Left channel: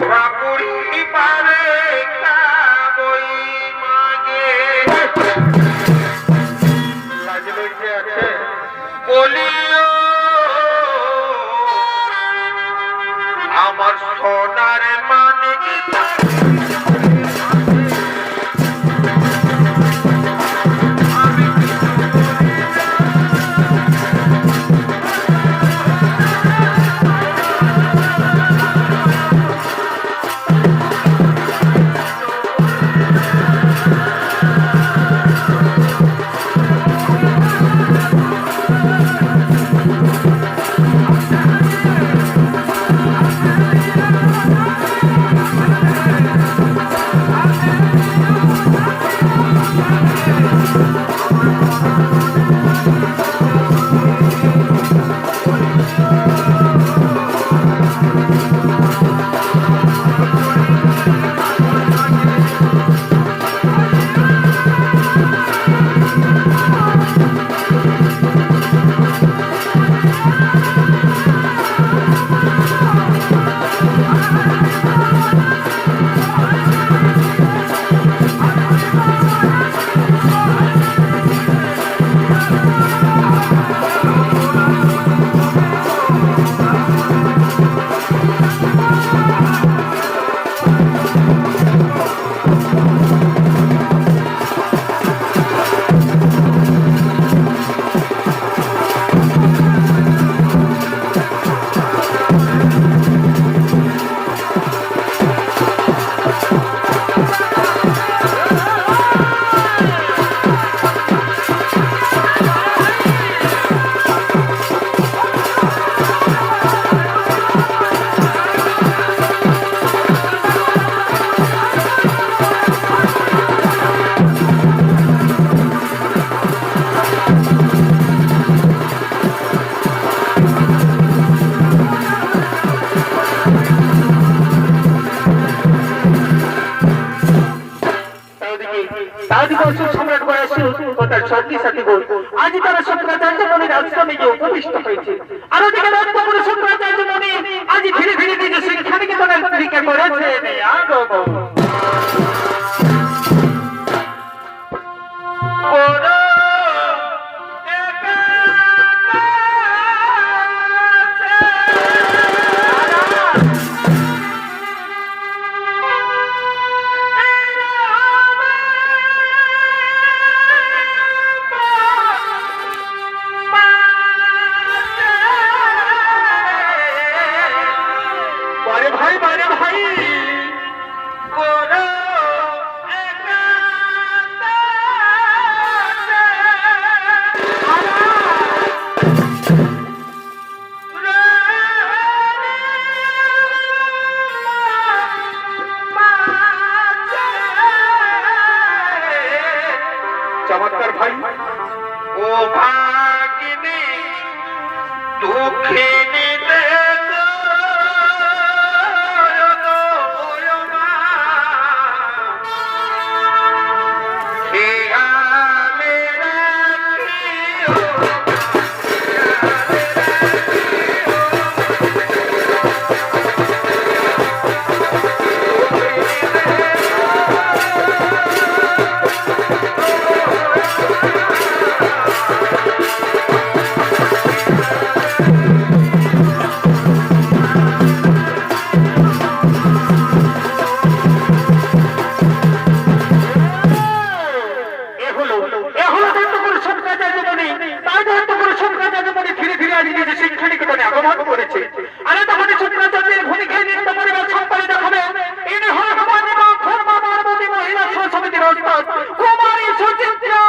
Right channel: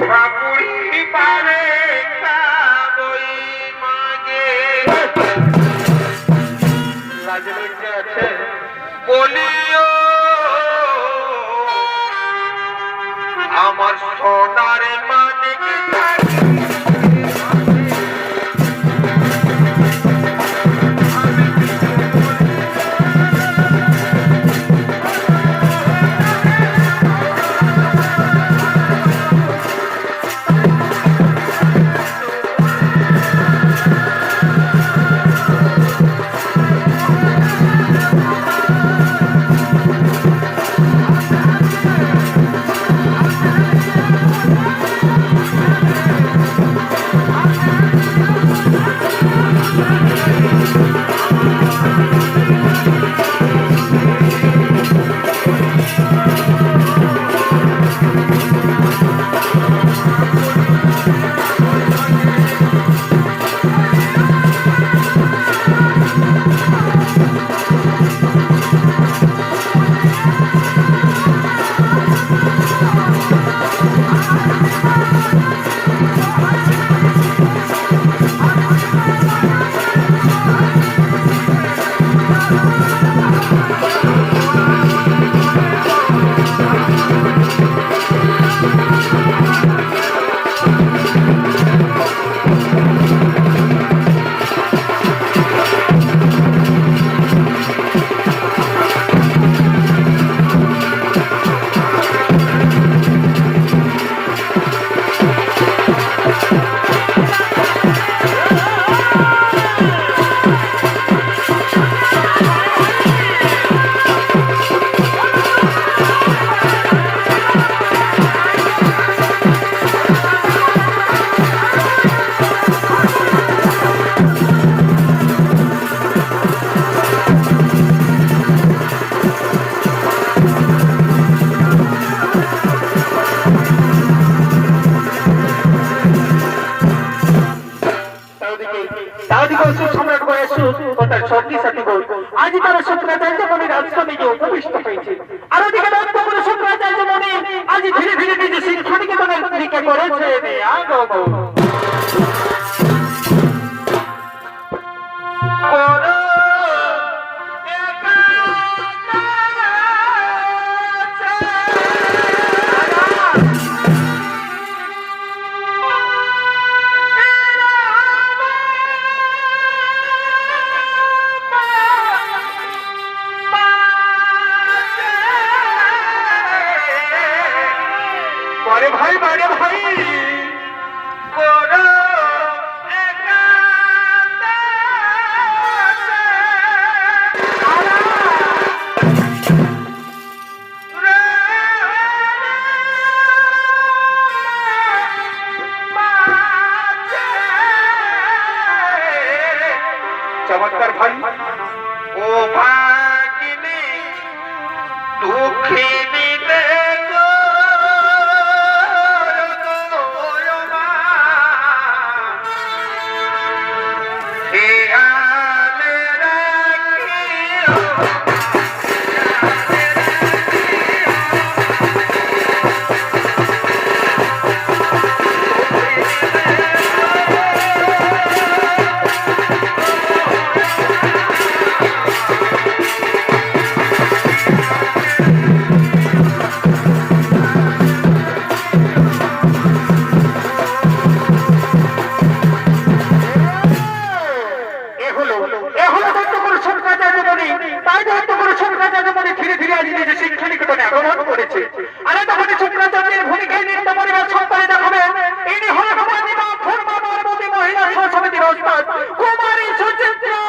বাপুরি পারে বই মাগে লাজ লজ্জা আছে বলিও আমার সোনার মানিক আজি তারা শঙ্করাচার্য মনির আশ্রমে গিয়ে উপবিষ্ট হয়েছে। আর ওদিকে লক্ষ্য করে শঙ্করাচার্য মনি আজি ধীরে ধীরে নিজে শিক্ষানিকেতনের পরীক্ষা করেছে। চমৎকার ভাই ও ভাগিনী দুঃখিনী আগমন করেছে। আর তখন শঙ্করাচার্যের ভূমিকায় নৃত্য পরিবার সম্পাদিত হবে। ইনি হলেন পার্বতী মহিলা সমিতির ওস্তাদ কুমারী সুচিত্রা।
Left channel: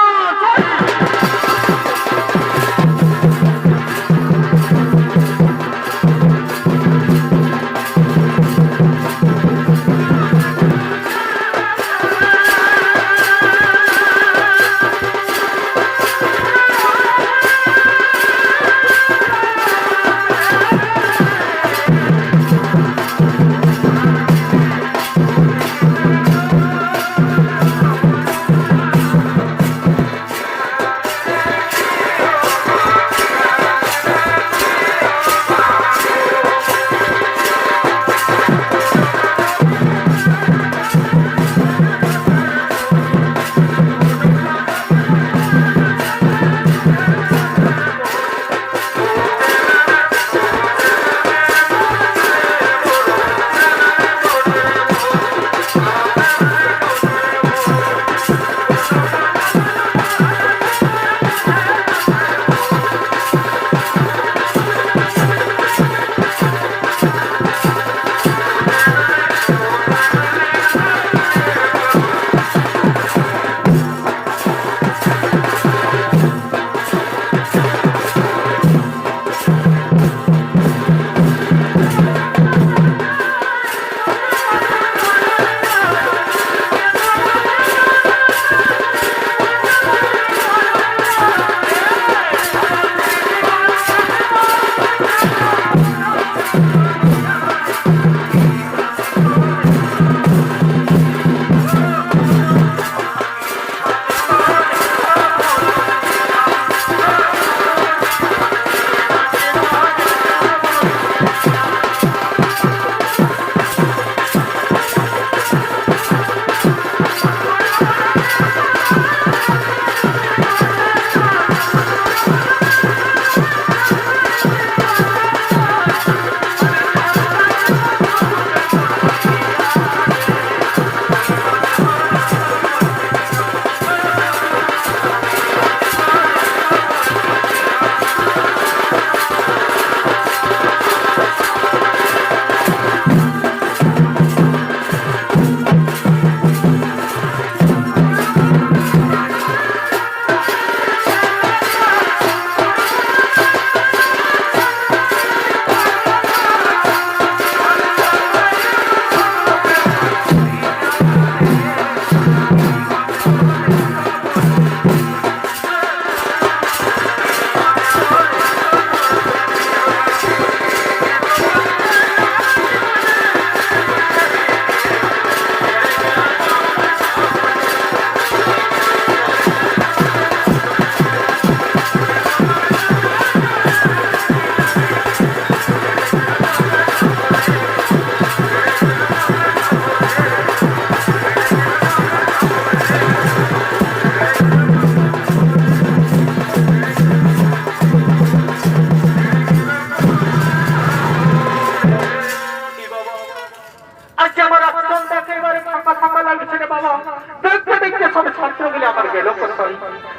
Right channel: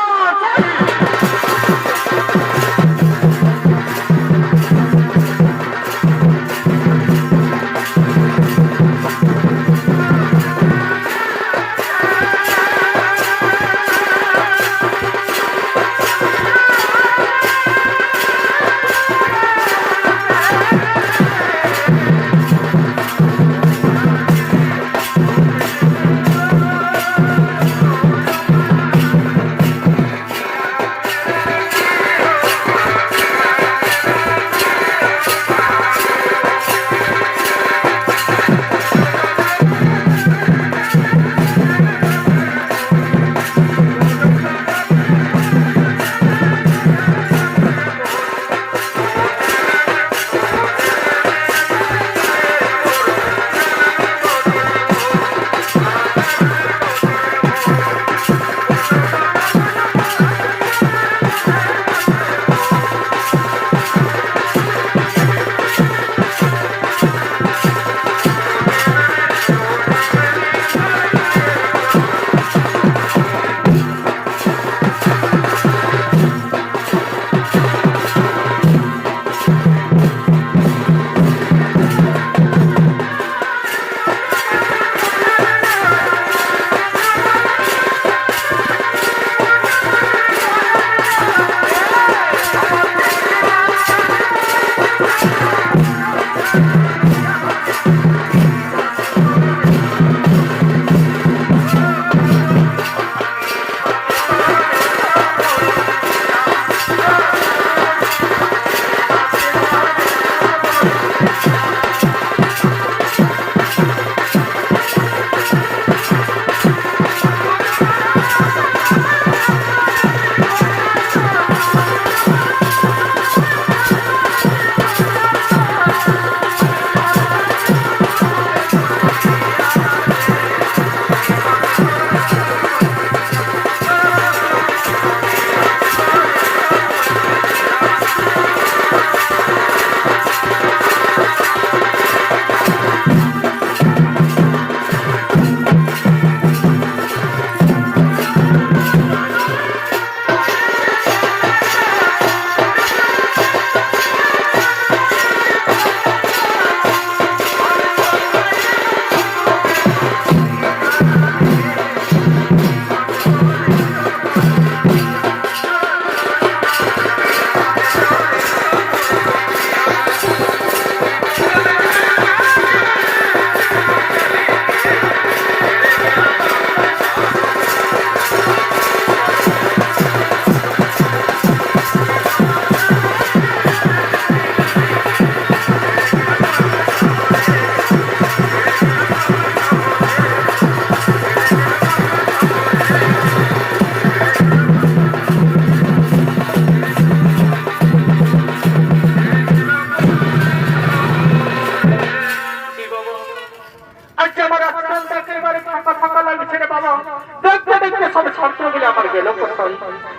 ছাত্র বলে আমার গেল কোথায়?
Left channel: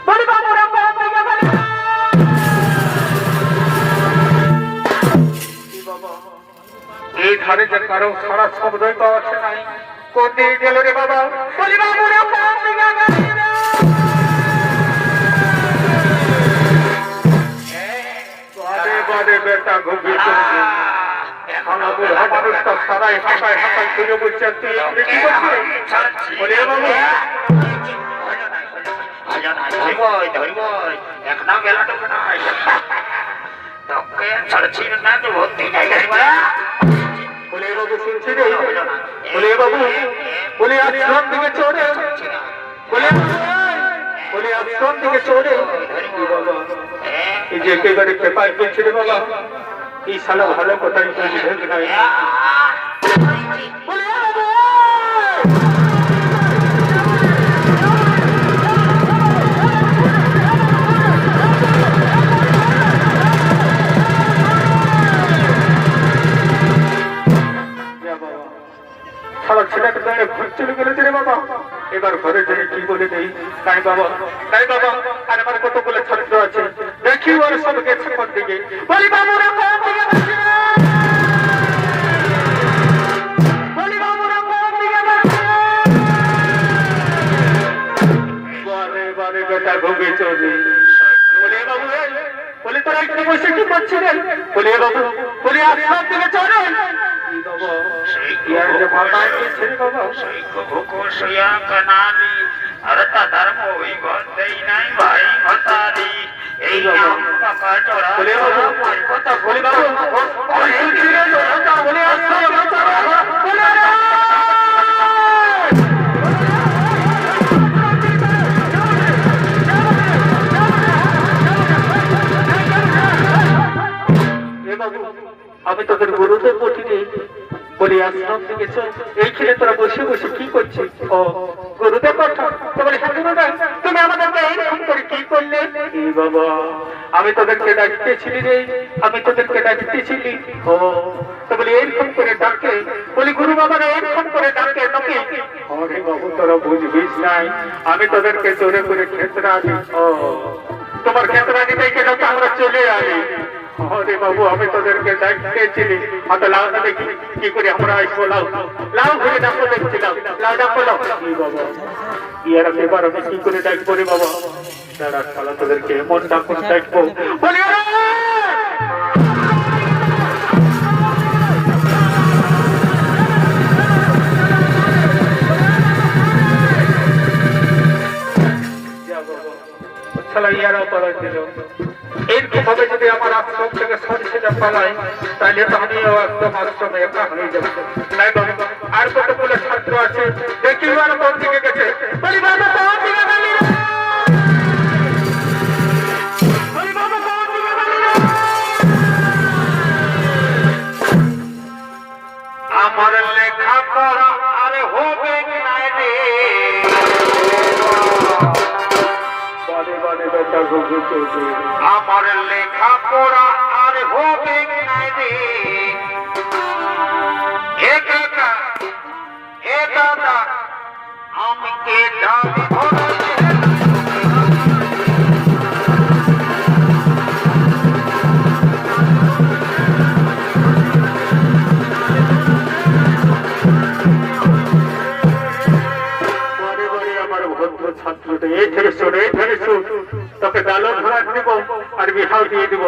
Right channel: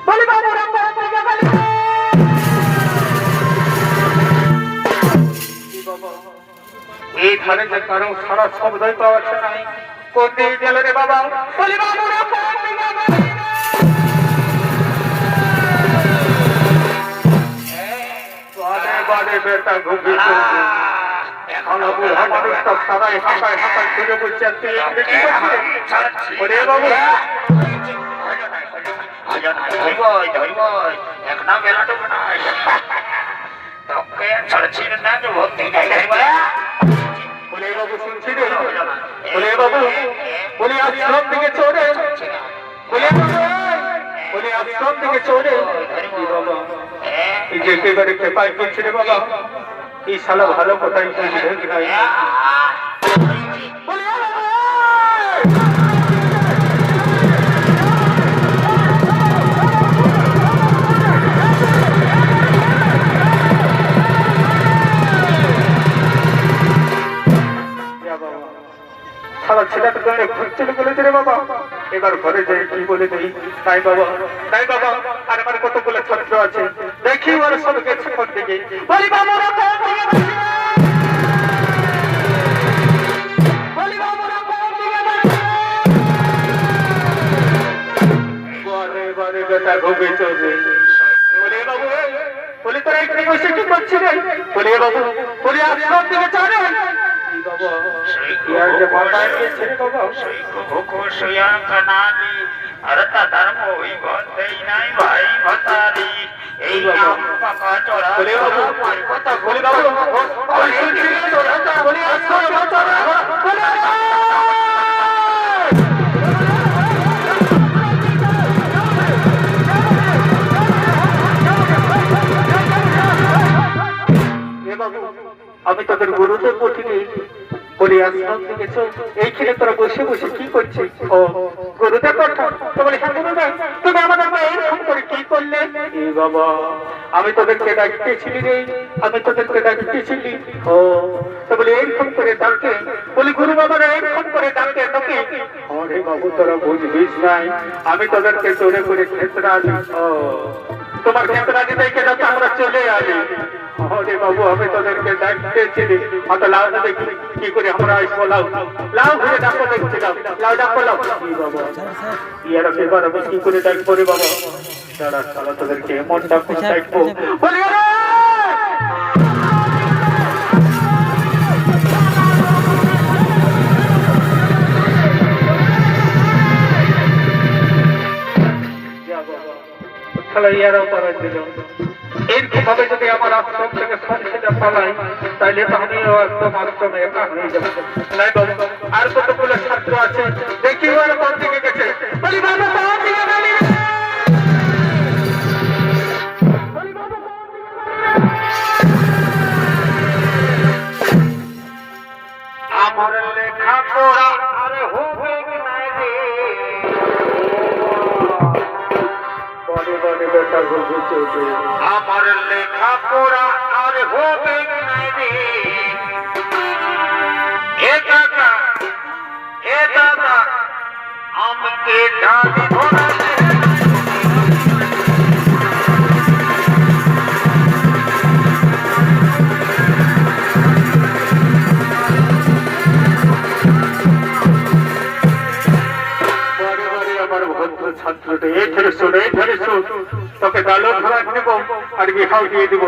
বলি বাবুরা কোন দিকে গেল? এই ধারে যে কারো সারা শব্দই পাওয়া যাচ্ছে নাই, কোন দিকে গেল রে বাবা? বলি বাবুরা কোন দিকে গেল? বাদে বাদে বেটা ঘুমিয়ে চলছে। ভালো বুড়া মানুষটা সবাই হাঁটায় হাঁটায় ঘুরে বলছে, তুই এখানে কি করছিস? বলে বাবু বলে বাবু শুনছি রে, বলে বাবু বলি আশ্রম থেকে চোরে, বলে বলি আশ্রম থেকে চোরে। বাবা এই যে একেবারে খেপায় পেয়েছে রে বাবা, এই শালা ভালো কোথায় সারা ছেলেটা গায়ে ঘর চলে গেলেছে রে বাবা। এবার ঘরে যাই কি বলে নেই, তাই বাবা তাই বাবা। আর আমার কতগুলো ছাত্র আছে, দেখি ওরা সব গেছে কোন দিকে। বলি বাবুরা কোন দিকে গেছে? বলি বাবুরা কোন দিকে গেছে? বারে বারে বেটা ঘুমিয়ে চলবে। বলে বাবু বলি তোরা একটু বসে কি করছিস রে? বলি বাবু বলি আশ্রম থেকে চলে। আমি তোদের গুরুদের বটিনি বলি আশ্রম থেকে এইখানে তোরা বসে বসে কি করছিস? ও গুরুদেব কথা তো বলি হ্যাঁ গুরুদেব, তুমি আমাদেরকে এইরকম করে কি করলে? বাবা আমি তোদেরকে ডাকতেছিলি রে, আমি তোদেরকে ডাকতেছিলি। ও তো বলি এইরকম করে ডাকে? বলি গুরু বাবারা এইরকম করে ডাকে তোকে? আরে বাবু তোরা বুঝবিস নাই, আমি তোদেরকে জোরে করে ক্ষেত্রা দিই। ও তোমার ক্ষেত্রা দিতে ডাকে আমরা চলে আসি। আরে বাবু আমি তোদেরকে ডাকতেছিলি, অত লাউ দেখি কি করে আমরা আসবো। লাউ লাউ ঘুরে ডাকবো, দেখছি লাউ লাউ ডাকবো। লাউ বাবা ইয়ারা এবার আমি কি করে ডাকবো রে বাবা? দাঁড়া তাহলে তোদেরকে এমন ডাকবো ডাকবো। বলি ইয়ারা পড়াই দিল। এইভাবে যদি আমার আশ্রম থেকে সরিষে পালাই, তাহলে তো আমিও একদম আশ্রমে একা হয়ে যাবো। নাই বাবু আর কতগুলো ছাত্র আছে, দেখি ওরা কোন দিকে গেছে। বলি বাবা কোন দিকে গেলি? বলি বাবা কোন দিকে গেলি? আমার লেখা পড়া আর হবে নাই রে। আমার লেখা পড়া আর হবে নাই রে। এ দাদা এ দাদা আমাকে ডালি ধরে ছাত্রটা এখানে শোনো, এখানে শোন, তোকে ডালো ধরা দেবো আর বিহাও দিয়ে দিব।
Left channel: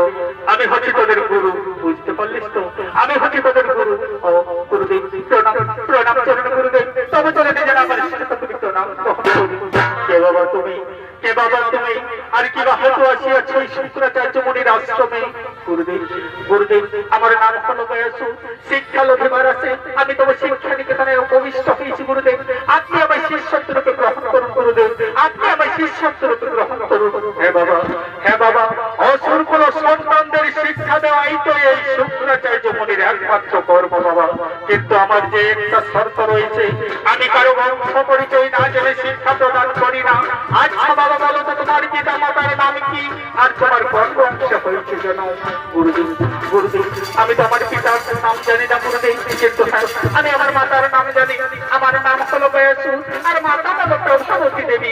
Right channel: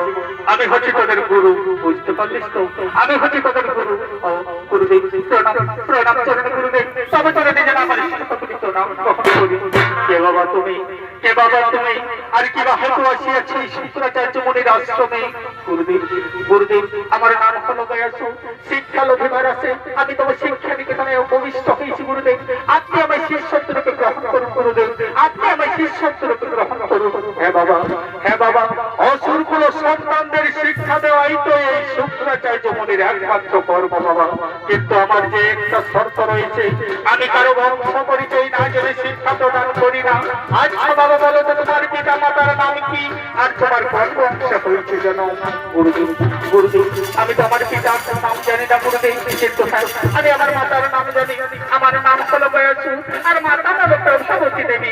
আমি হচ্ছি তোদের গুরু, বুঝতে পারলিস তো? আমি হচ্ছি তোদের গুরু। ও গুরুদেব প্রণাম প্রণাম চরণ গুরুদেব। তবে তোরা নিজে না পারিস তুমি প্রণাম কখন করি? কে বাবা তুমি? কে বাবা তুমি? আর কি বা হেতু আসিয়াছে এই শুক্রাচার্য মুনির আশ্রমে? গুরুদেব গুরুদেব আমার নাম হলো গয়াসু, শিক্ষা লোভে আছে। আমি তোমার শিক্ষা নিকেতনে উপবিষ্ট হয়েছি গুরুদেব। আপনি আমার শিষ্যত্ব রূপে গ্রহণ করুন গুরুদেব, আপনি আমার শিষ্যত্ব রূপে গ্রহণ করুন। হ্যাঁ বাবা হ্যাঁ বাবা, অসুরকুল সন্তানদের শিক্ষা দেওয়াই তো এই শুক্রাচার্য মুনির একমাত্র কর্ম বাবা। কিন্তু আমার যে একটা শর্ত রয়েছে, আমি কারো বংশ পরিচয় না জেনে শিক্ষা প্রদান করি না। আচ্ছা বাবা বলো তো তোমার পিতা মাতার নাম কি আর তোমার কোন বংশ হয়েছে জানো? গুরুদেব গুরুদেব আমি তো আমার পিতার নাম জানি না গুরুদেব, কিন্তু আমি আমার মাতার নাম জানি। আমার নাম হলো গয়াসু আর মাতা হলো প্রভাবতী দেবী।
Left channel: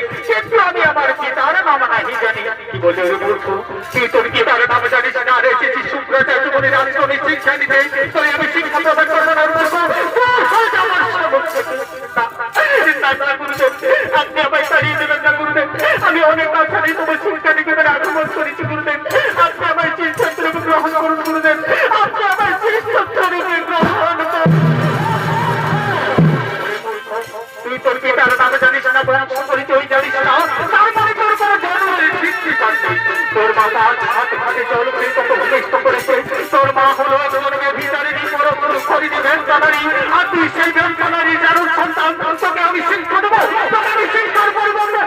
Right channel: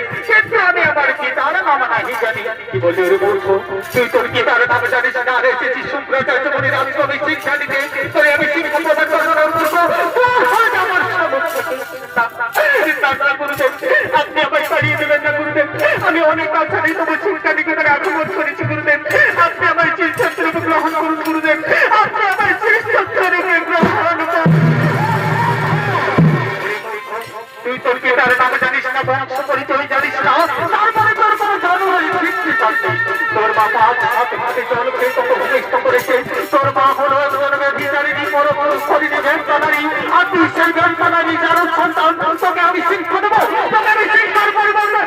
নাহি জানি কি বলে ওরে মূর্খ তুই তোর কি তার নাম জানিস না আর এসেছিস শুক্রাচার্য বলে রাজকবি শিক্ষা নিতে তুই আমি শিক্ষা প্রদান করার অনুরোধ আপনি আমায় তাড়িয়ে দেবেন না গুরুদেব আমি অনেক বাচ্চা নিয়ে তবু শিক্ষা নিকেতনে আগমন করেছি গুরুদেব আপনি আমার চিরছত্রকে গ্রহণ করুন গুরুদেব আপনি আমার চিরছত্রকে গ্রহণ করুন তুই তোর কি তার নাম জানিস না বংশ পরিচয় জানিস না তারপরে তোর কোনো জানুয়ারি ভিত্তি চাকরি তোর মা হাত হাতে জল খেয়ে তোকে ভূমিষ্ঠ করেছে তোর মা হলো জন্মের ভিতরেরই বড় বড় শরীরে ব্যাংকানারি আর তুই সেই ব্যাংকানারি যার সন্তান তোকে আমি শিক্ষা দেবো তোকে আমি শিক্ষার পরিবর্তন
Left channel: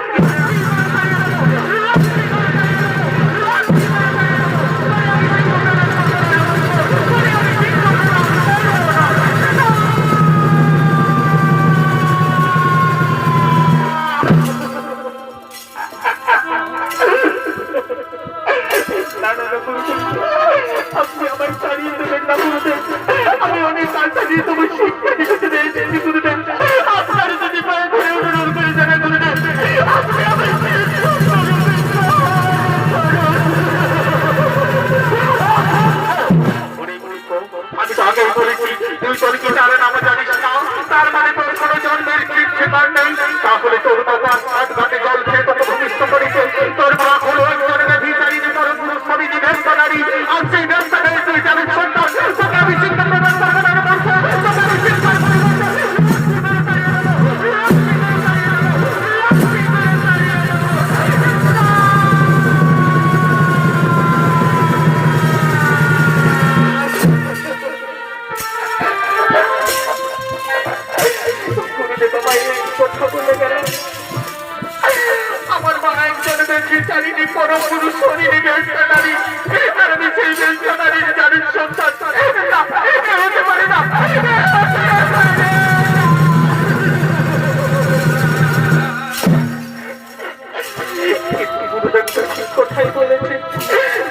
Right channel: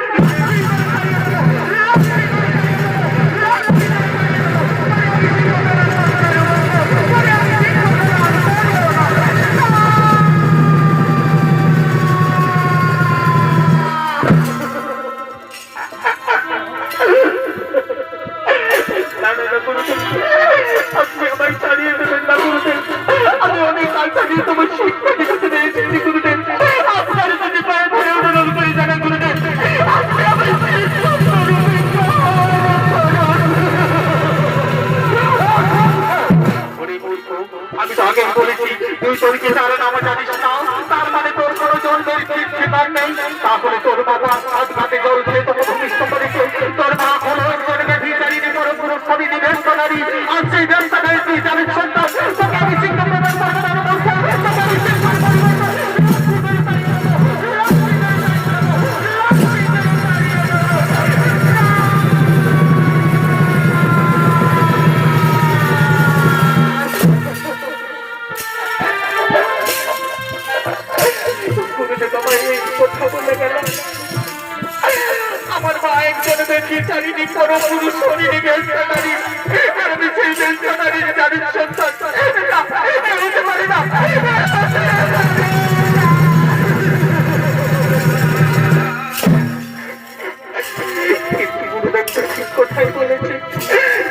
আপনি আমায় ছাড়িয়ে দেবেন না গুরুদেব আমি অনেক আশা নিয়ে তোমার শিক্ষা নিকেতনে এসেছি গুরুদেব আপনার যদি পায়ে ধরে অনুরোধ করে জানা গুরুদেব আপনি আমায় আমি তো আগে বলেছি তুই তোর কি তার নাম জানিস না তার মানে তোর কোনো জন্মের ঠিকার নেই তাহলে তোর বাবা হাত ঘাটে জল খেয়ে তোকে ভূমিষ্ঠ করেছে তোর মা হলো জন্মের ভিতরে বড় পুরো ছবি দিবেন কানারি আর সেই বেঞ্চারে তুই জানিস সন্তান তোকে আমি শিক্ষা প্রদান করবো তোকে আমি শিক্ষা আমার মা একজনের বিচারিনি কোনো পুরুষ শরীরে বেঞ্চারি আমি সেই বেঞ্চারির জানিস সন্তান হতে পারে না গুরুদেব তো ঠিক কথাই বলেছে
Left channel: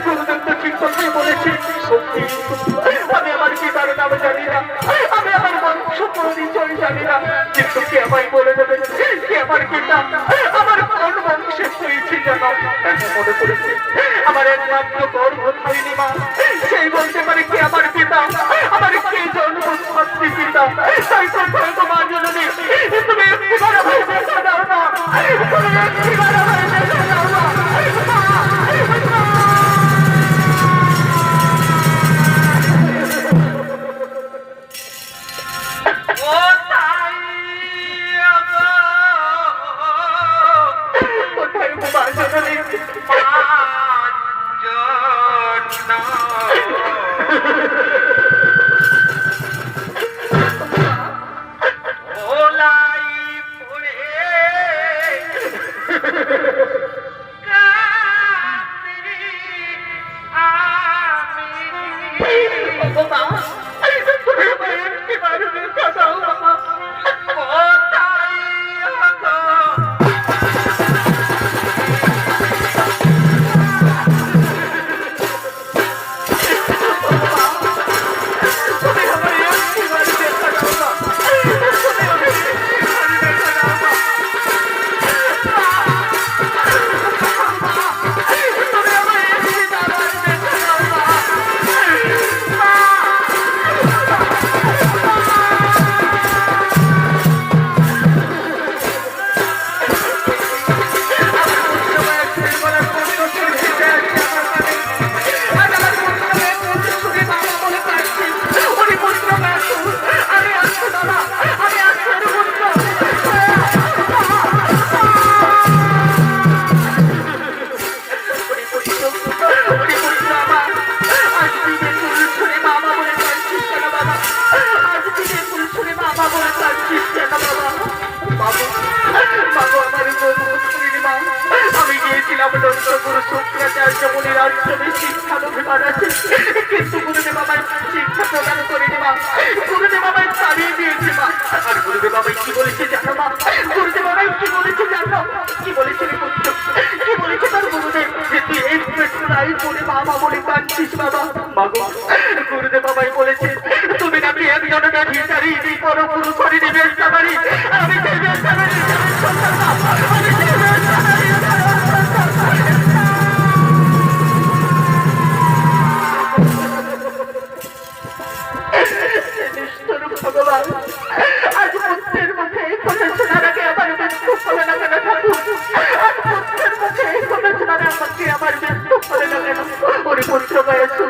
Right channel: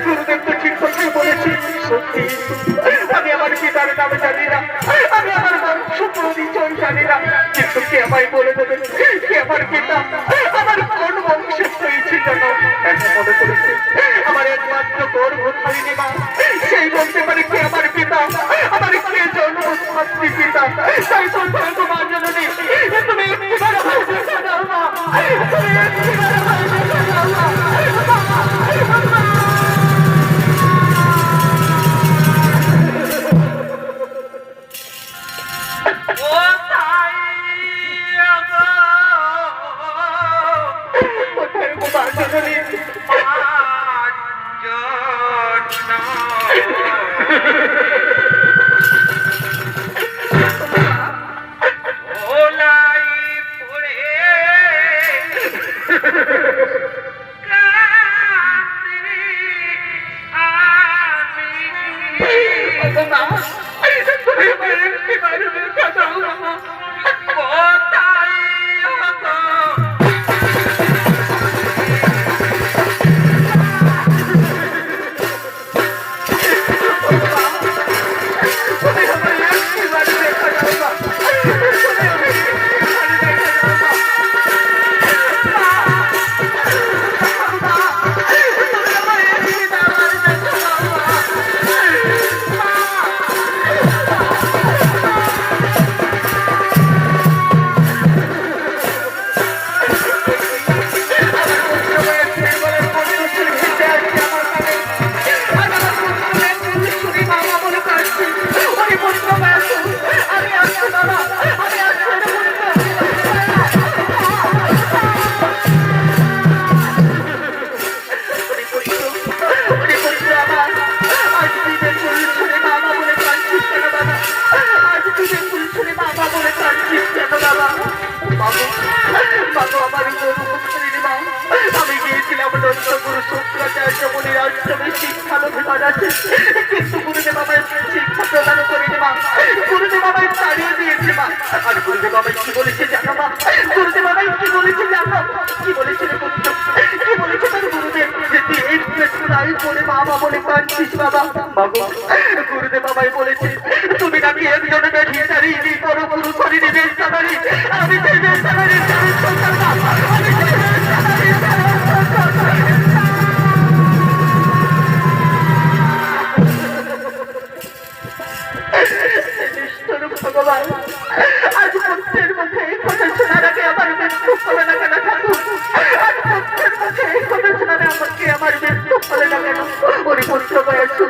গুরুদেব তো ঠিক কথাই বলেছে সত্যি আমি আমার পিতার নাম জানি না আমি আমার বংশ পরিচয় জানি না কিন্তু কে আমায় বলে দেবেন কে আমার পিতা আমার কোন বংশের হয়েছে জানো এখন মনে পড়েছে আমার একমাত্র গর্ভ হয়নি মা সেই বলতে পারে কে আমার পিতা আমার কে জন্মস্থাত্রী পিতা তাই তো বলতো মা জননী তুমি একটিবার ভাই দেখা দাও না তুমি একটিবার ভাই দেখা দাও না আমি গিয়েছিলাম গুরু শুক্রাচার্য মুনি রাজসভে শিক্ষালোভিমান আছে কিন্তু গুরুদেব আমায় শিক্ষা প্রদান করিনি মা গুরুদেব আমায় তাড়িয়ে দিয়েছে মা আর গুরুদেব আমায় কি বলেছে জানো মা গুরুদেব আমায় কি বলেছে জানো কি বলেছিল পুত্র কি বলেছে তার গুরুদেব যে তুই এই পেট্রোলাই পড়ে বাবা বলে কাঁদছিস বাবা মাগো গুরুদেব আমায় বলেছে তুমি নাকি একজনের ভিখারি কোনো গুরু করে দিবে সবারই আমি সেই বেচারি আমি সেই বেচারি ওরে পুত্র বয়সু,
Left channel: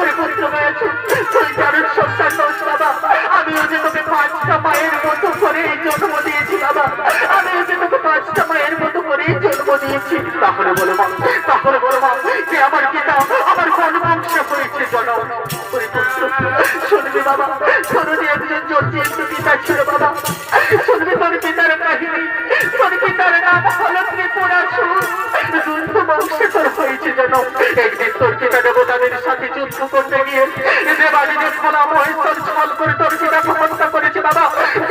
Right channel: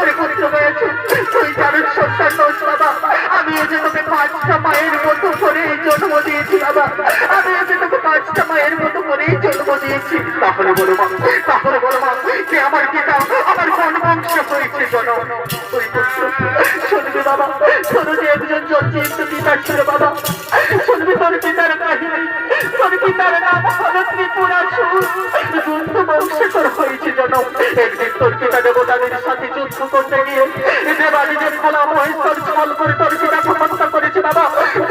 ওরে পুত্র বয়সু, তুই জানিস সন্তান দোষ বাবা, আমিও যে তোকে 5টা মায়ের মতো করে জন্ম দিয়েছি বাবা, আমিও যে তোকে 5টা মায়ের মতো করে জন্ম দিয়েছি। তাহলে বলো মা, তাহলে বলো মা, যে আমার পিতা আমার কোন বংশ হয়েছে জন্ম? ওই পুত্র শুনবি বাবা, শোনো যে একজন জন্মিত পিতা ছিল বাবা, শুনবি তোর পিতার কাহিনী, তোর পিতার নাম হলো ত্রিপুরাসুর, যুদ্ধ বংশে তোর হয়েছে যেন। একদিন তোর পিতা দেবতাদের সাথে যুদ্ধ করতে গিয়ে দেবাদিদেব খোলা মহেশ্বর ছল করে তোর পিতাকে হত্যা করেছে বাবা।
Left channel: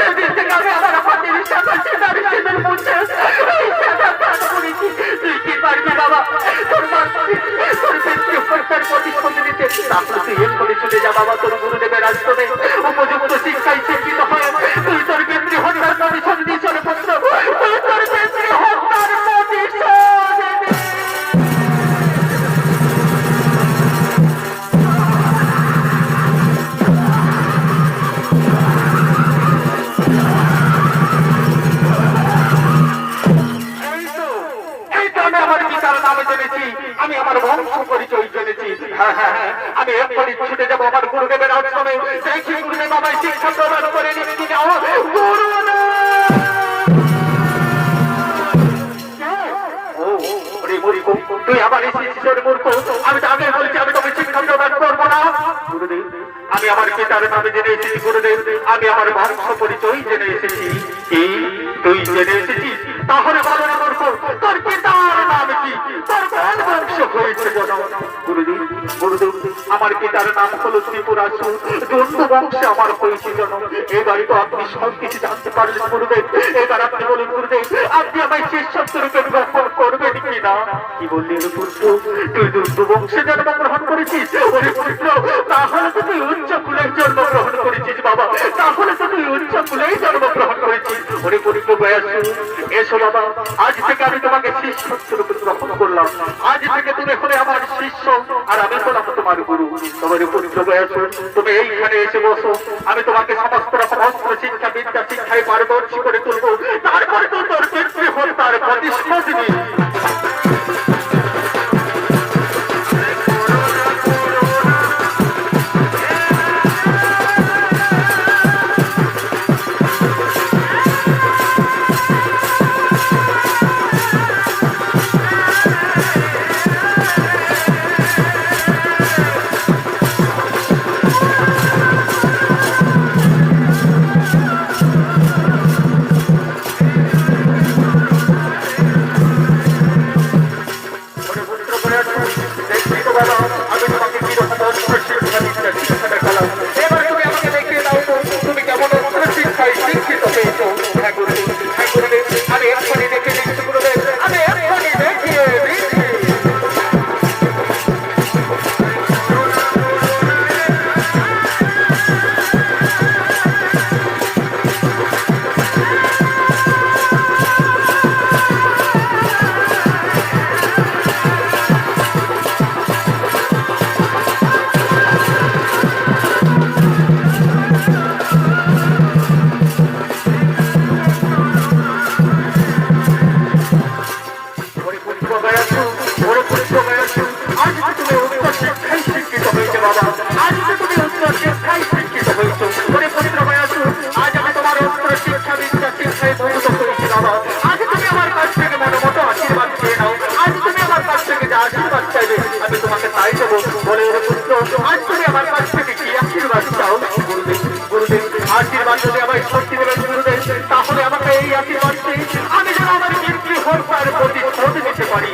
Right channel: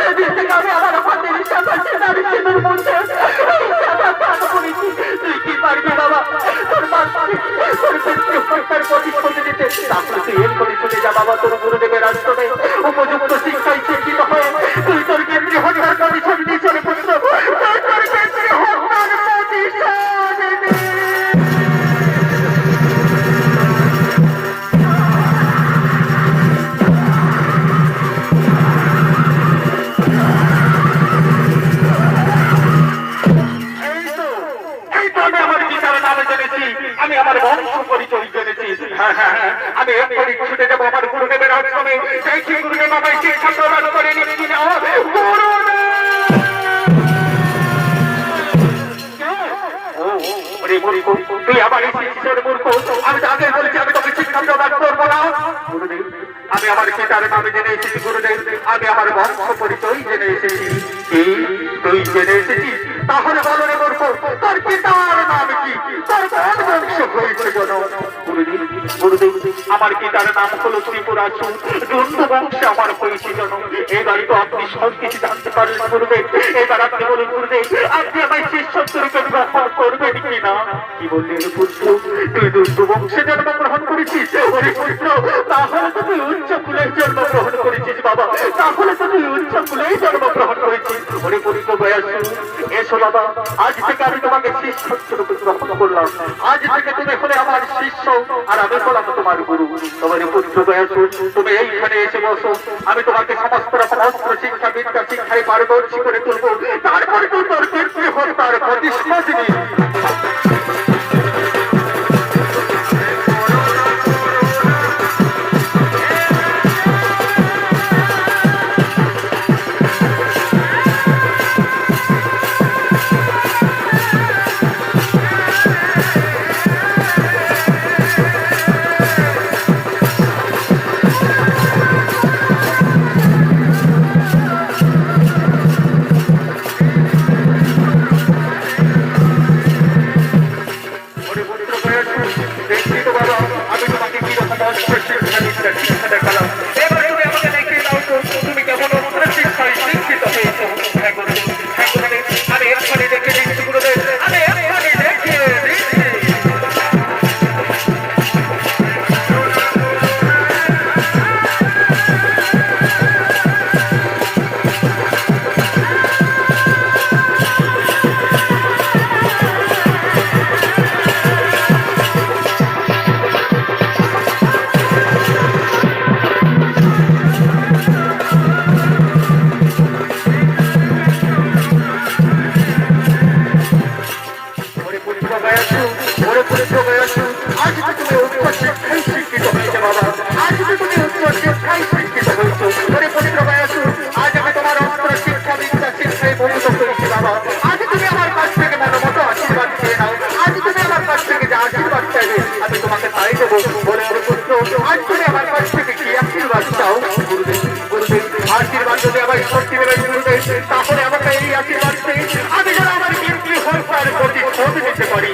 সেদিন থেকে আমি আমার আমাদের সাথে সেনার সেনার মধ্যে করেছি। তুই কি পারবি বাবা তোর তোর পিতৃ হত্যার প্রতিশ্রুতি দিতে? তারপরে তুই এর করে চলে যা বাবা, তোর গুরুদেবের আশ্রমে উপযুক্ত শিক্ষায় শিক্ষিত হয়ে তুই তোর পিতৃ হত্যার প্রতিশোধ দিয়ে চলে পুত্র, তুই তোর পিতৃ হত্যার প্রতিশোধ দে। আমি আমার বংশ পরিচয় জেনেছি। আমি এক্ষুনি ছুটে যাবো আমার গুরুদেবের আশ্রমে, দেখি গুরুদেব আমায় শিক্ষা প্রদান করে নিচ্ছি না। তুই আমার এই শিষ্যের মূর্খ, আমি তো আগে বলেছি আমি তোকে শিক্ষা প্রদান করবো না। গুরুদেব আমি আমার পিতার নামে জেনে এসেছি, গুরুদেব আমি আমার বংশ পরিচয় জেনে এসেছি। কি তুই জেনে এসেছিস? তাহলে বলো রে মূর্খ, তোর পিতার নাম কি, তোর কোন বংশ হয়েছে জন্ম? গুরুদেব গুরুদেব আমার পিতার নাম হলো ত্রিপুরাসুর, যুদ্ধ বংশে আমার হয়েছে জন্ম। এবারে তো আপনি সব কিছু জানতে পারলেন গুরুদেব, এবার আপনি বলুন গুরুদেব আপনি আমার শিষ্যত্বকে গ্রহণ করবেন কিনা? কি বললেন পুত্র, তুই যুদ্ধ বংশে জন্মগ্রহণ করেছিস? ওরে পুত্র তাহলে তো তুই উচ্চ কুলেই জন্মগ্রহণ করেছিস বাবা, তাহলে তো তুই উচ্চ কুলেই জন্মগ্রহণ করেছিস। ওরে পুত্র বয়স এসো বাবা, আজ থেকে আমি তোমাকে শিষ্যত্বরূপে গ্রহণ করলাম। আজ থেকে তুমি হলে আমার শিষ্য আর আমি হলাম তোমার গুরু। তোমার পুত্র বয়স তুমি এইখানে এসে বসো, আমি তোমাকে সমস্ত রকম অস্ত্র শিক্ষা বিদ্যা শিক্ষায় পারদর্শী করে তুলবো, তারপরে তুই তোর পিতৃ হত্যার প্রতিশোধ নিবি। আশীর্বাদ যদি আমায় শক্তি দেবেন গুরুদেব, তাহলে আমাকে এই আশীর্বাদ আমি যেন আমার কিন্তু হত্যার প্রতিশোধ দিতে পারি।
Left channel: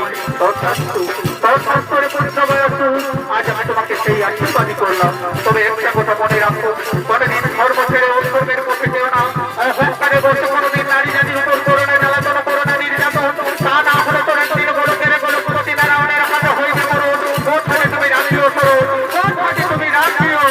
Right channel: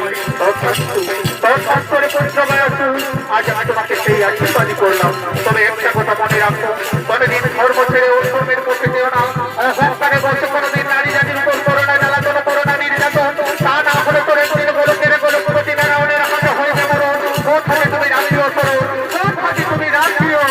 আজ আমি তোমাকে সেই আশীর্বাদই করলাম। তবে একটা কথা মনে রাখো, কোনদিন ধর্ম ছেড়ে অধর্মের মধ্যে যেও না। অহংকারে বসে কোনদিন নারী জাতির উপর করোনা জ্বালাতন করো না, নির্যাতন। তা না হলে তোর শরীর গোলকের গোলকপতি নারায়ণের হাতে হয়ে যাবো। কোথায় তুমি রাখিও করো, কোথায় তুমি রাখিও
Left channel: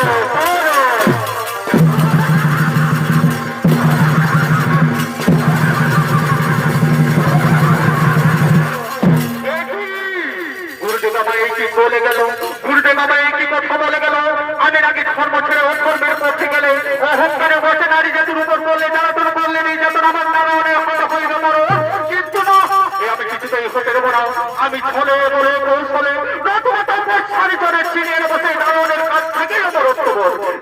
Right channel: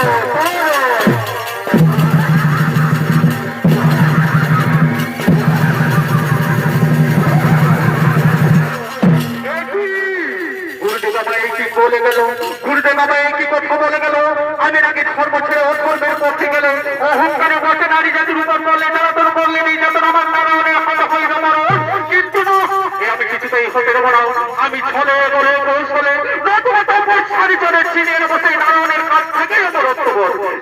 আমি নাকি ধর্ম ছেড়ে অধর্মের পক্ষে গেলে অহংকারে বসে নারী জাতির উপর করলে জ্বালাতন করলে নির্যাতন আমার নারায়ণের হাতে হয়ে যাবো। কিন্তু আমি কিছু কিছুতেই হতে দেব না। আমি ছলে বলে কৌশলে নতুন সারি চলে চিনিয়ে বসে নারায়ণের কাছ থেকে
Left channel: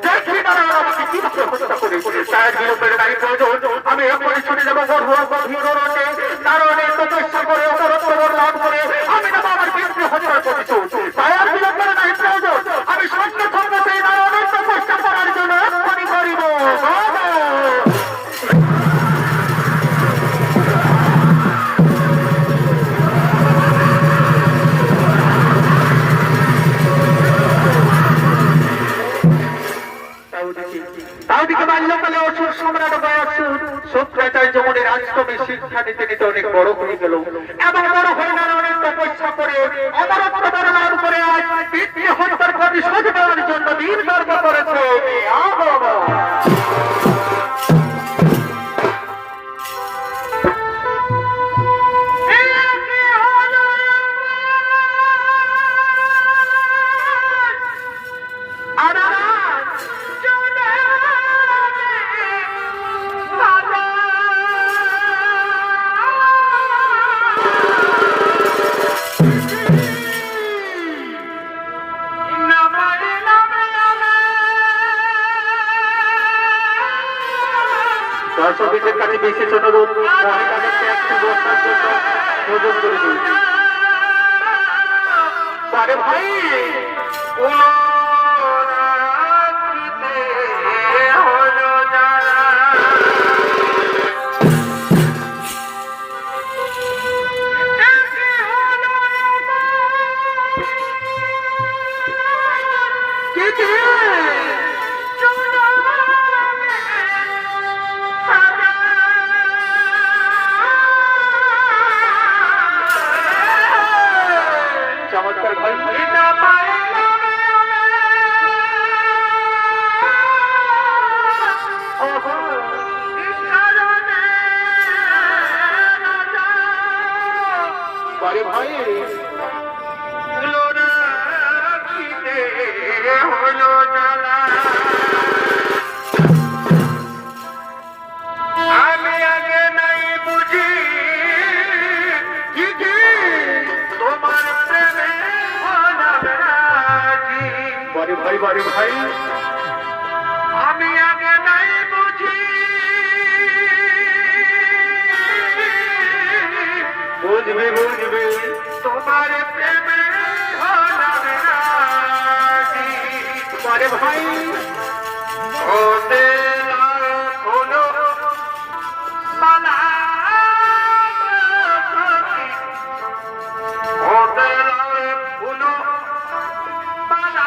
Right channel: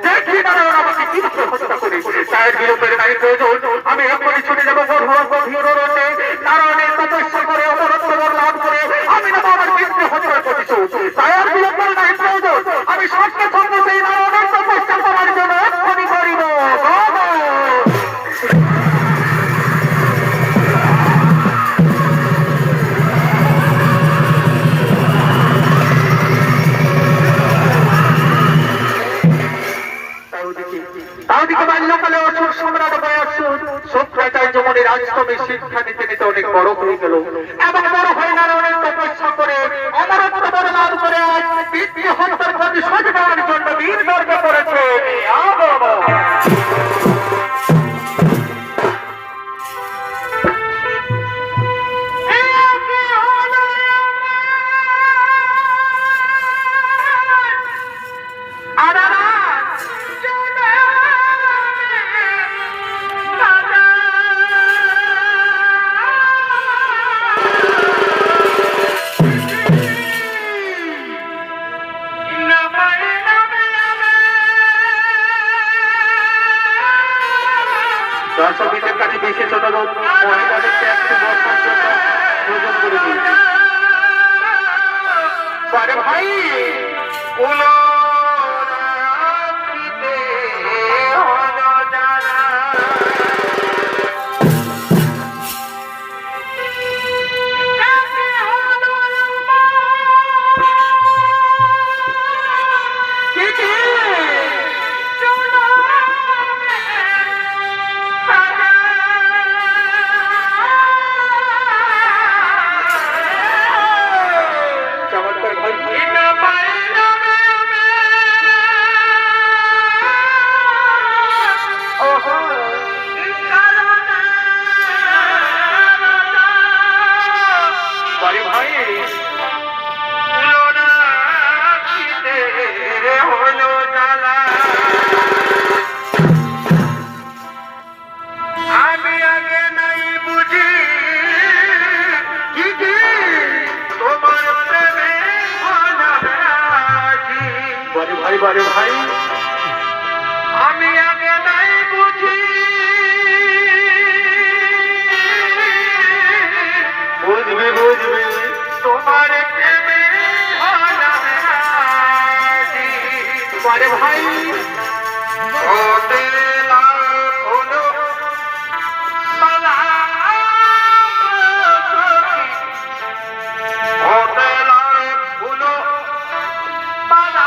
দেখি নারায়ণ আমাকে কিভাবে হত্যা করে। তার বিরোধের নাই প্রয়োজন। আমি এখনই ছুটে যাবো নারায়ণের তপস্যা করে অমরত্ব লাভ করে আমি নেবো আমার কিন্তু হত্যার প্রতিশোধ। তাই আর বিরোধের নাই প্রয়োজন। আমি সঙ্গে সঙ্গে সেই নারায়ণের তপস্যা করার জন্য এখনই করিব। তাওদিকে বাল্যকালে অসুর সম্রাট বয়সুর শুক্রাচার্য মনে রাজকবি শিক্ষা নিতে নিতে অনেক বড় হয়ে গেল এবং বড় হয়ে নারায়ণের তপস্যা করে অমরত্ব বর্ণন করে পিতৃ হত্যার প্রতিশোধ নেওয়ার জন্য বীর মার্গ করেছে। দর্শকদের কাছে বিশেষ অনুরোধ মহিলাদেরকে একটু বসার জন্য সুযোগ করে দিন। আরে ভাই বারে ভাই আমি আগে নাই বুঝি বুঝবে বুঝবে তোমার প্রেমে বারে ভাই ওতে হলো মালা ওতে হলো মালা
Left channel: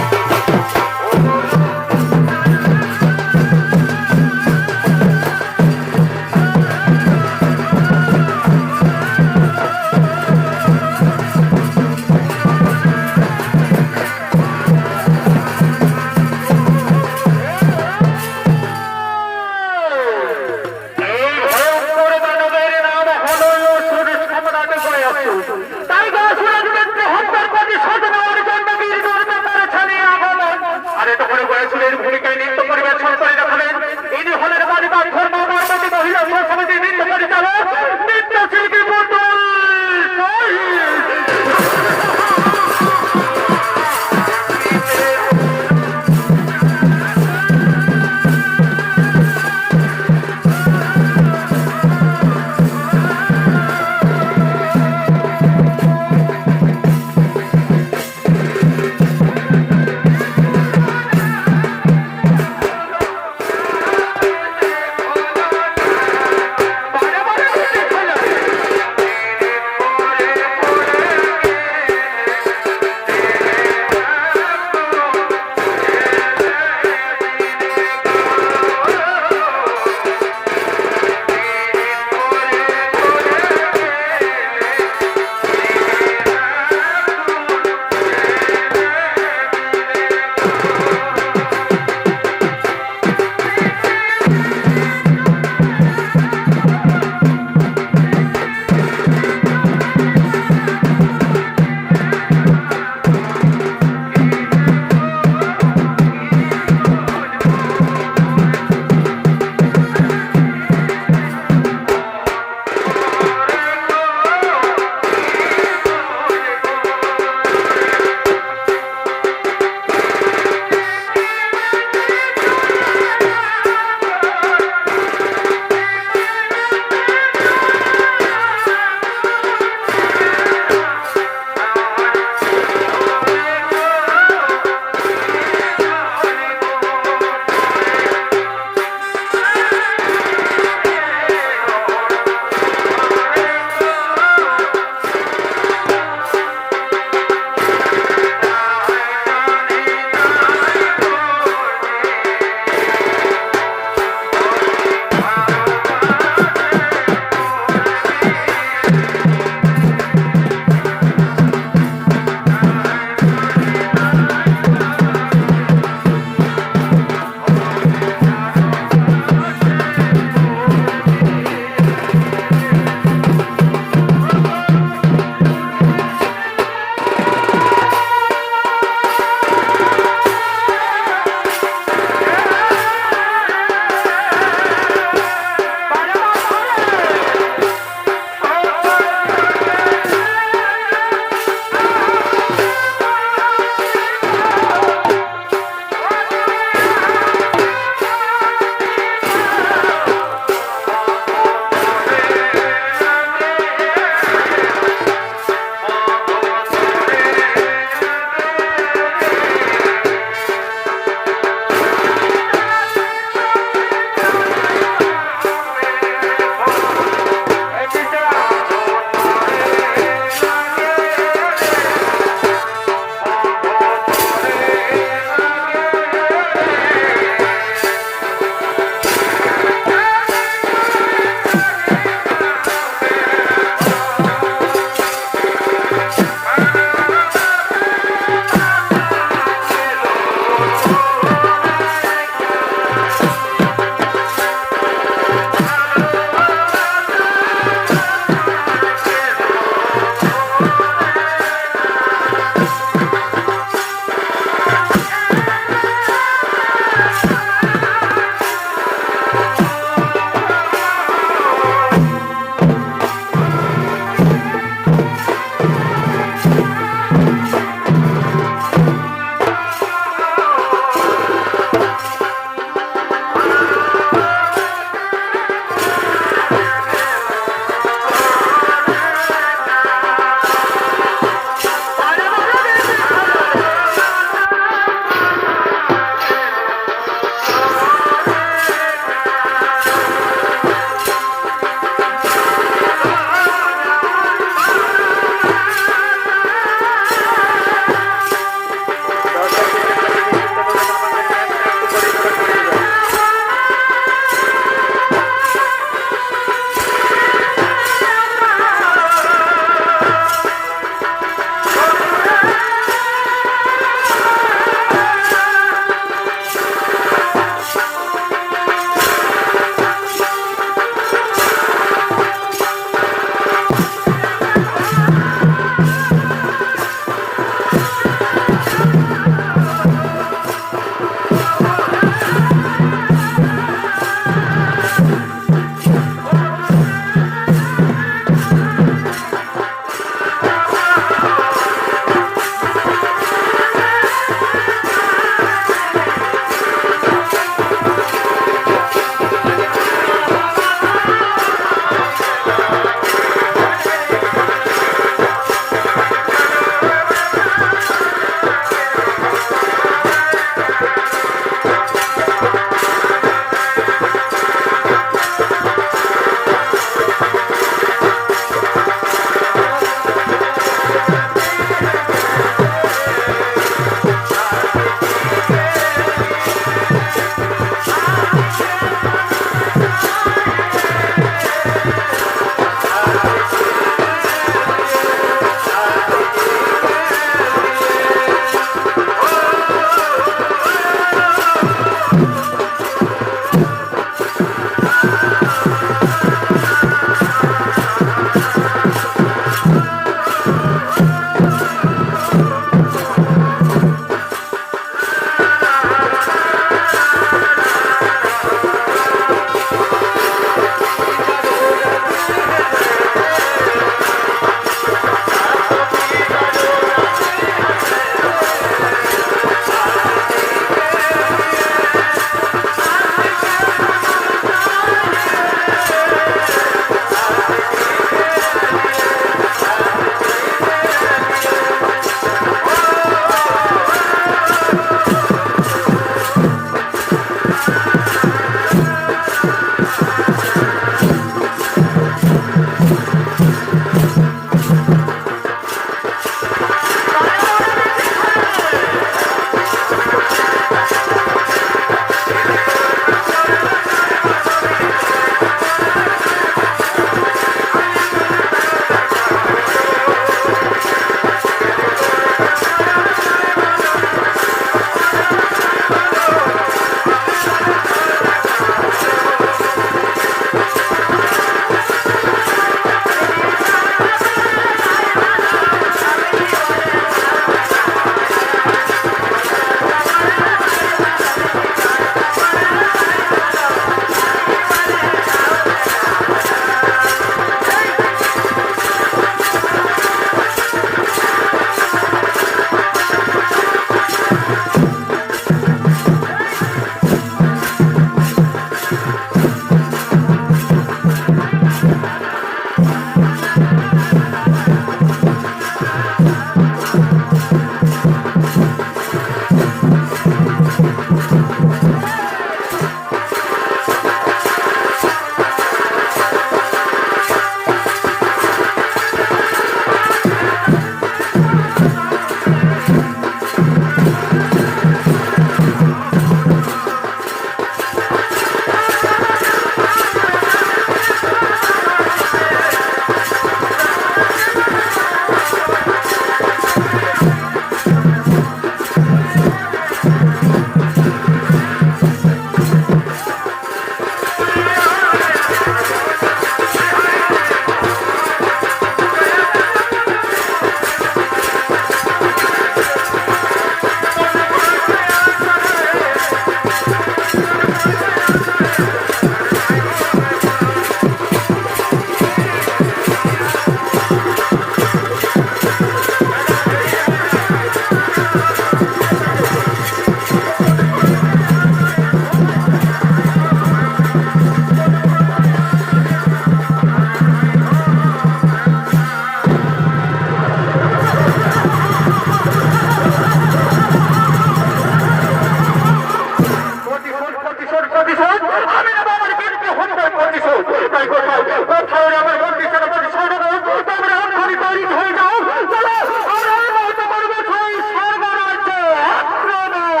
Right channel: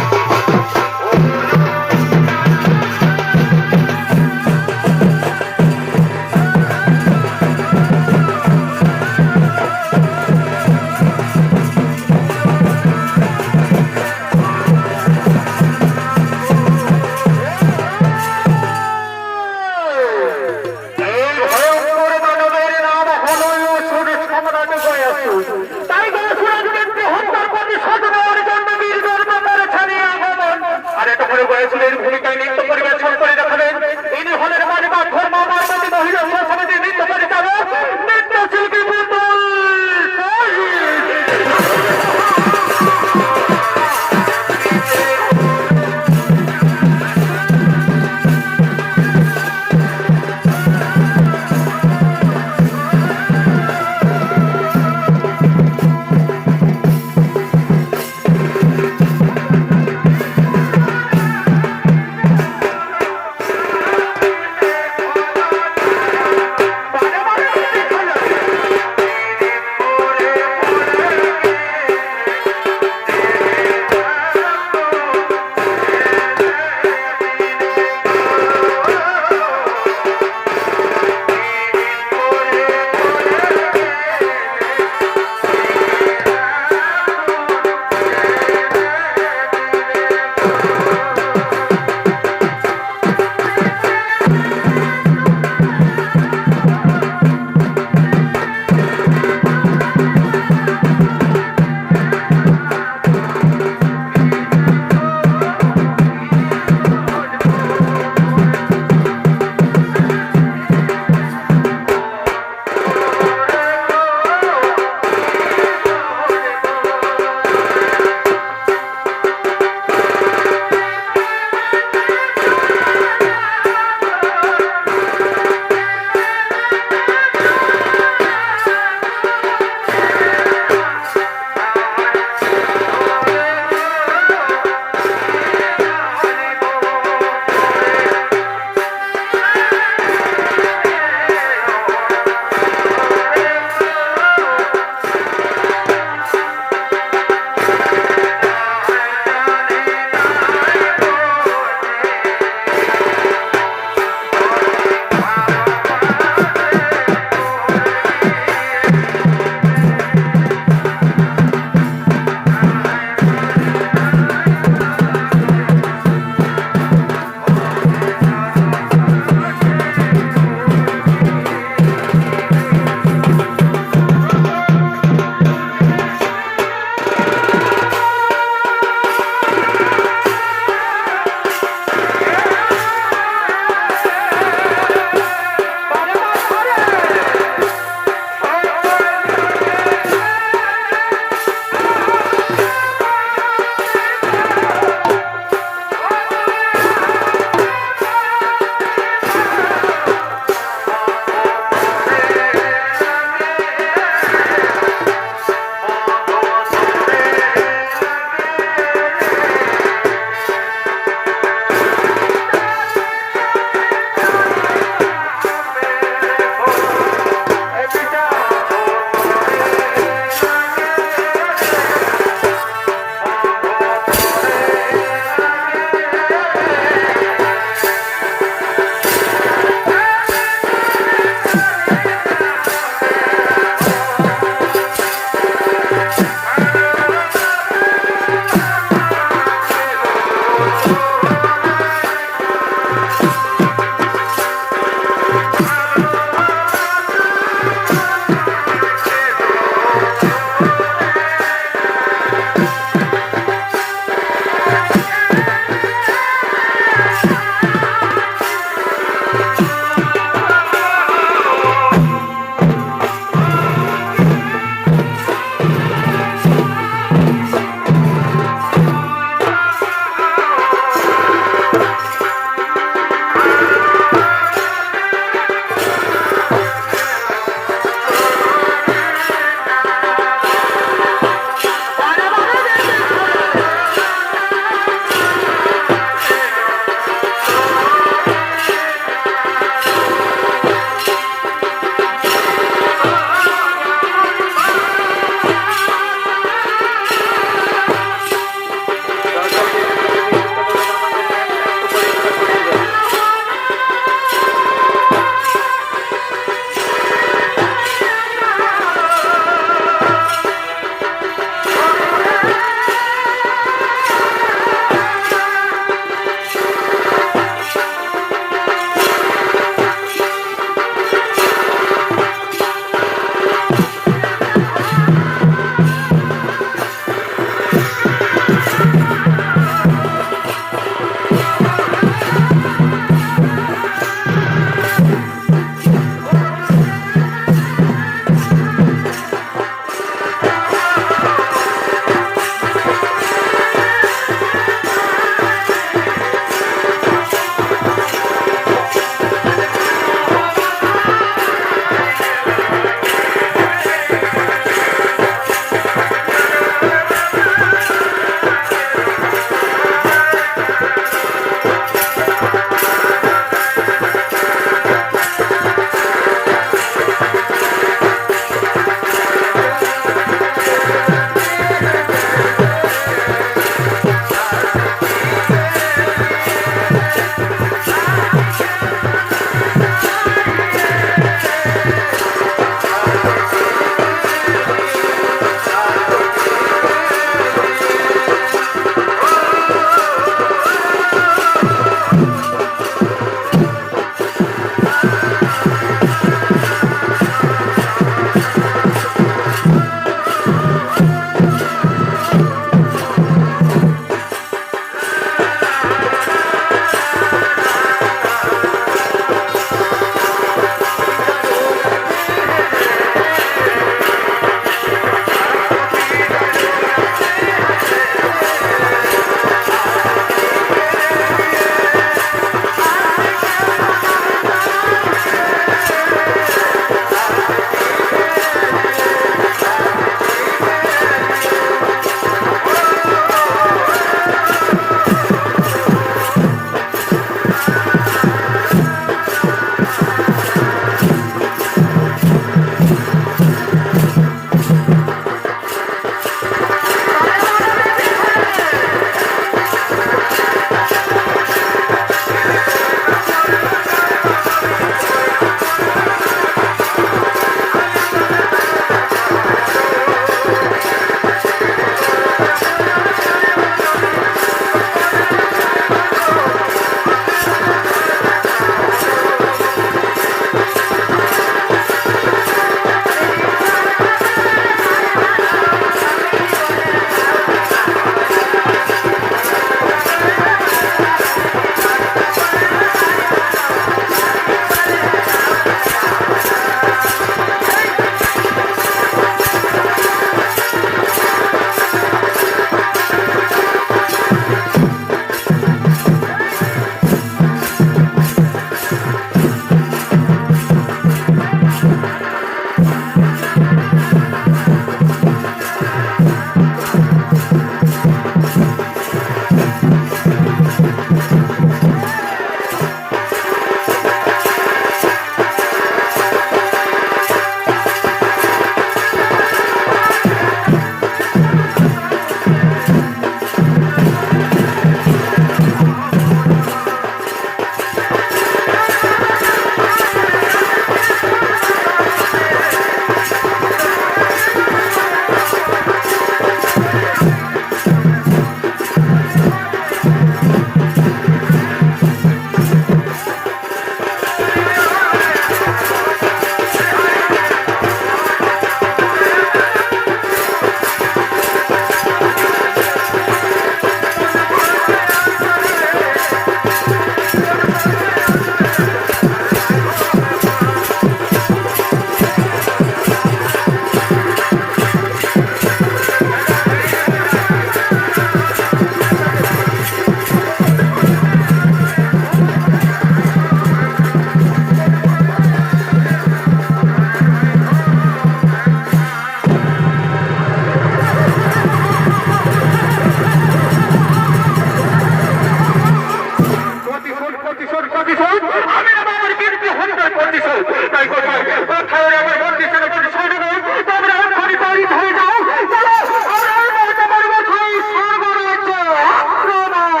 তাই কোথায় আমার বন্ধু ছেলে ছেড়ে দেবো তোমরা এক্ষুনি তৈরি হয়ে যাও চলো আমরা এই মুহূর্তে পরিবার হই সর্বরাজ্য আক্রমণ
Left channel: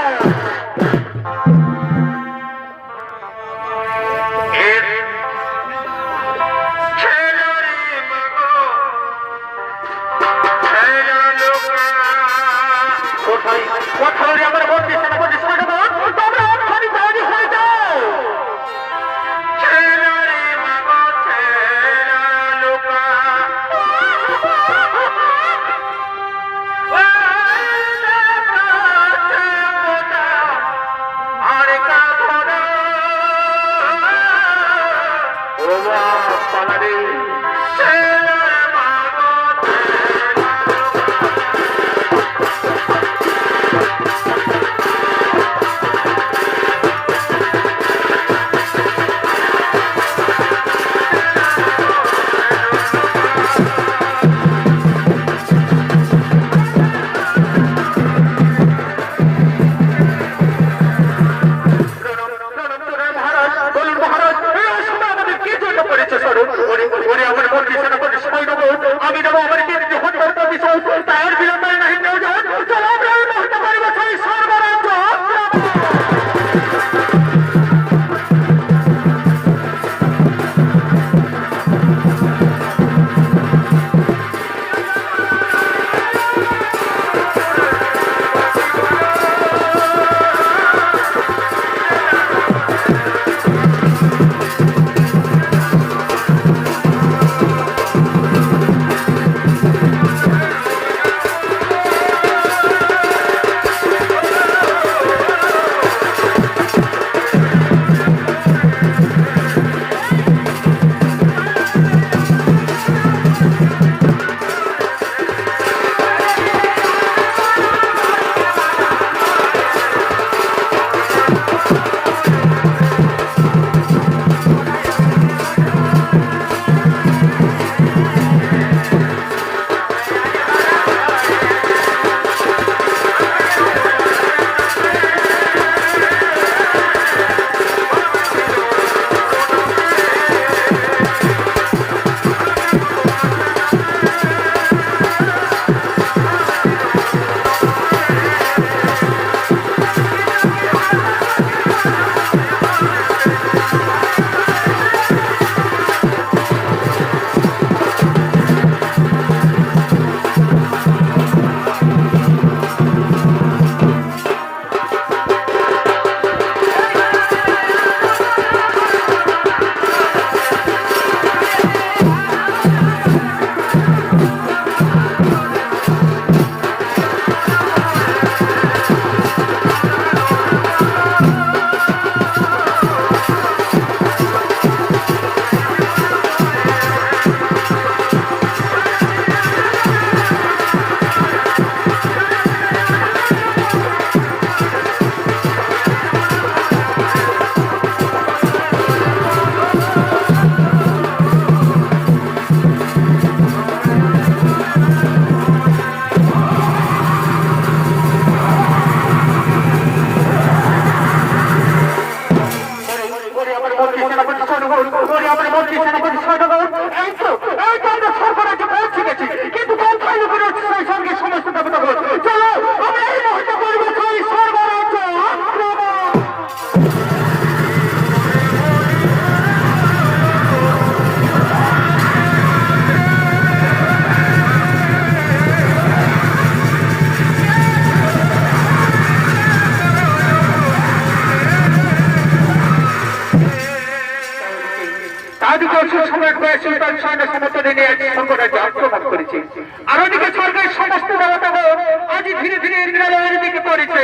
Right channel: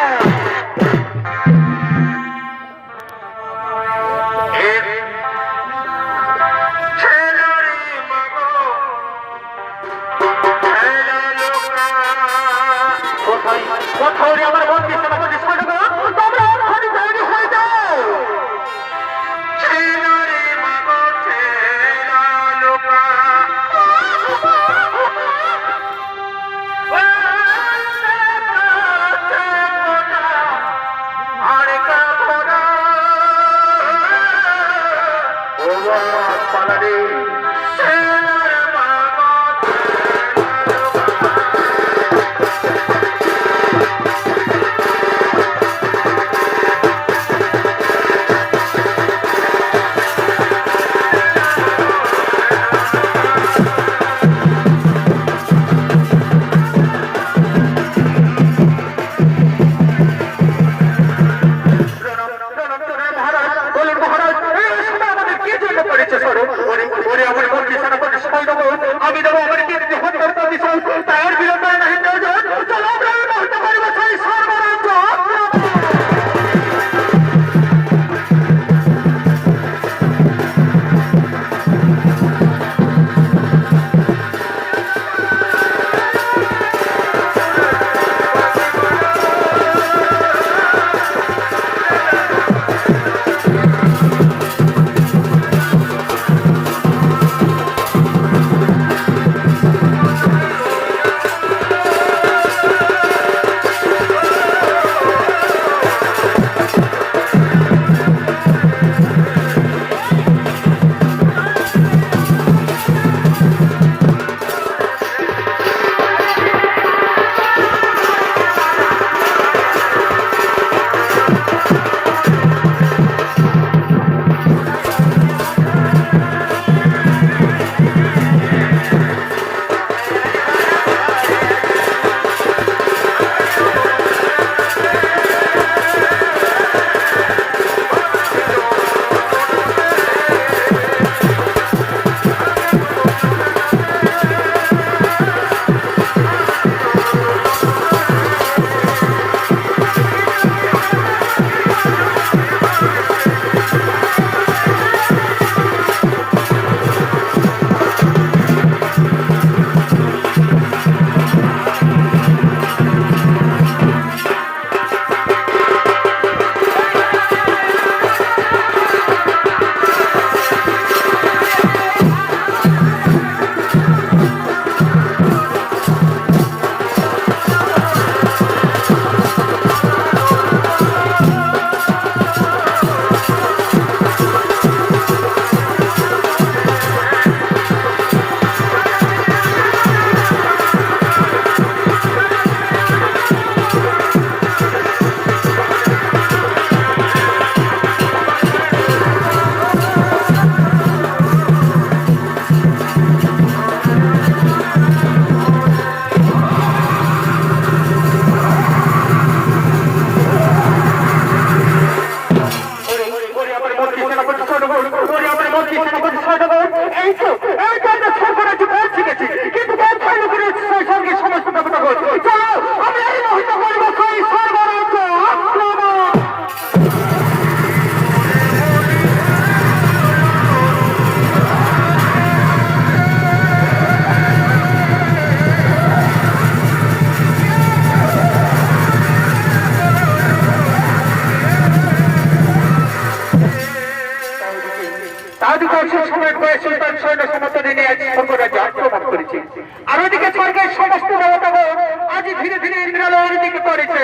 কোথায় আমার বন্ধু ছেলে ছেড়ে দেবো তোমরা এক্ষুনি তৈরি হয়ে যাও আমি দেবো আমার তার বিরোধী নাহি চলো আমরা এই মুহূর্তে পরিবার হই সর্বরাজ্য কিন্তু সমস্ত চলো আমি এই মুহূর্তে পরিবার হই সর্বরাজ্য আক্রমণ আর ওদিকে স্বর্গের সমস্ত দেবতাগণ আজ ধীরে ধীরে ইন্দ্রালয়ের দিকে পড়েছে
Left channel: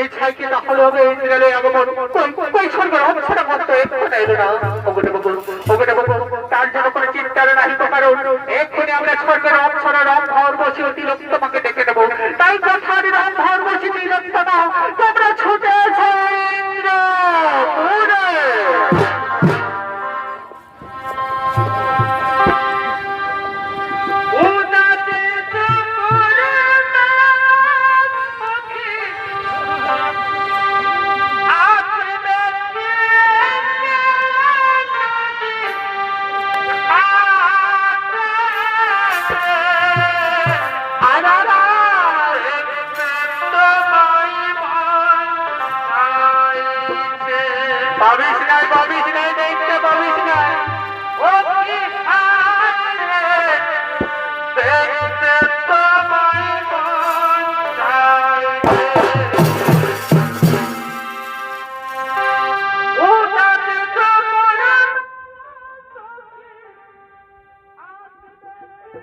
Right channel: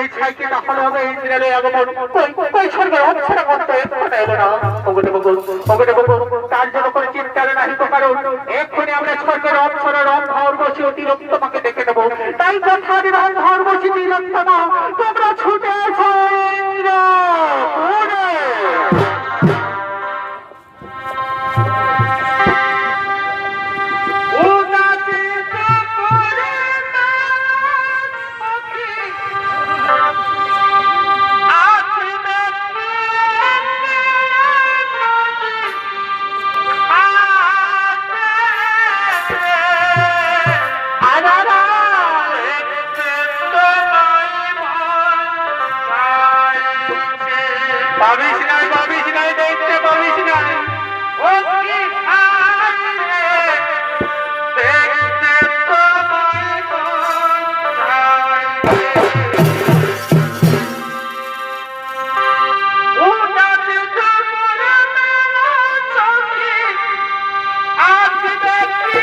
এই ছাইকে তাহলে হবে ইন্দ্রালে আগমন কই স্বর্গের অপসরা করতে এক্ষুনি এলো না ওগটে বগো তার জন্য কোনো চিন্তার নাহি তো কারণ এক্ষুনি আমরা স্বর্গের অপসরা রম্ভর বসি ও তিলোত্তমাকে ডেকে দেবো তাই কথা রম্ভর বসি তিলোত্তমা তোমরা ছুটে এসো ইন্দ্রপুরে। বাবিস নাই দেখতে পাবিস নাই ও কি দেখতে তোমায় মন ও যাতে তোমার চোখে আজ দেখতে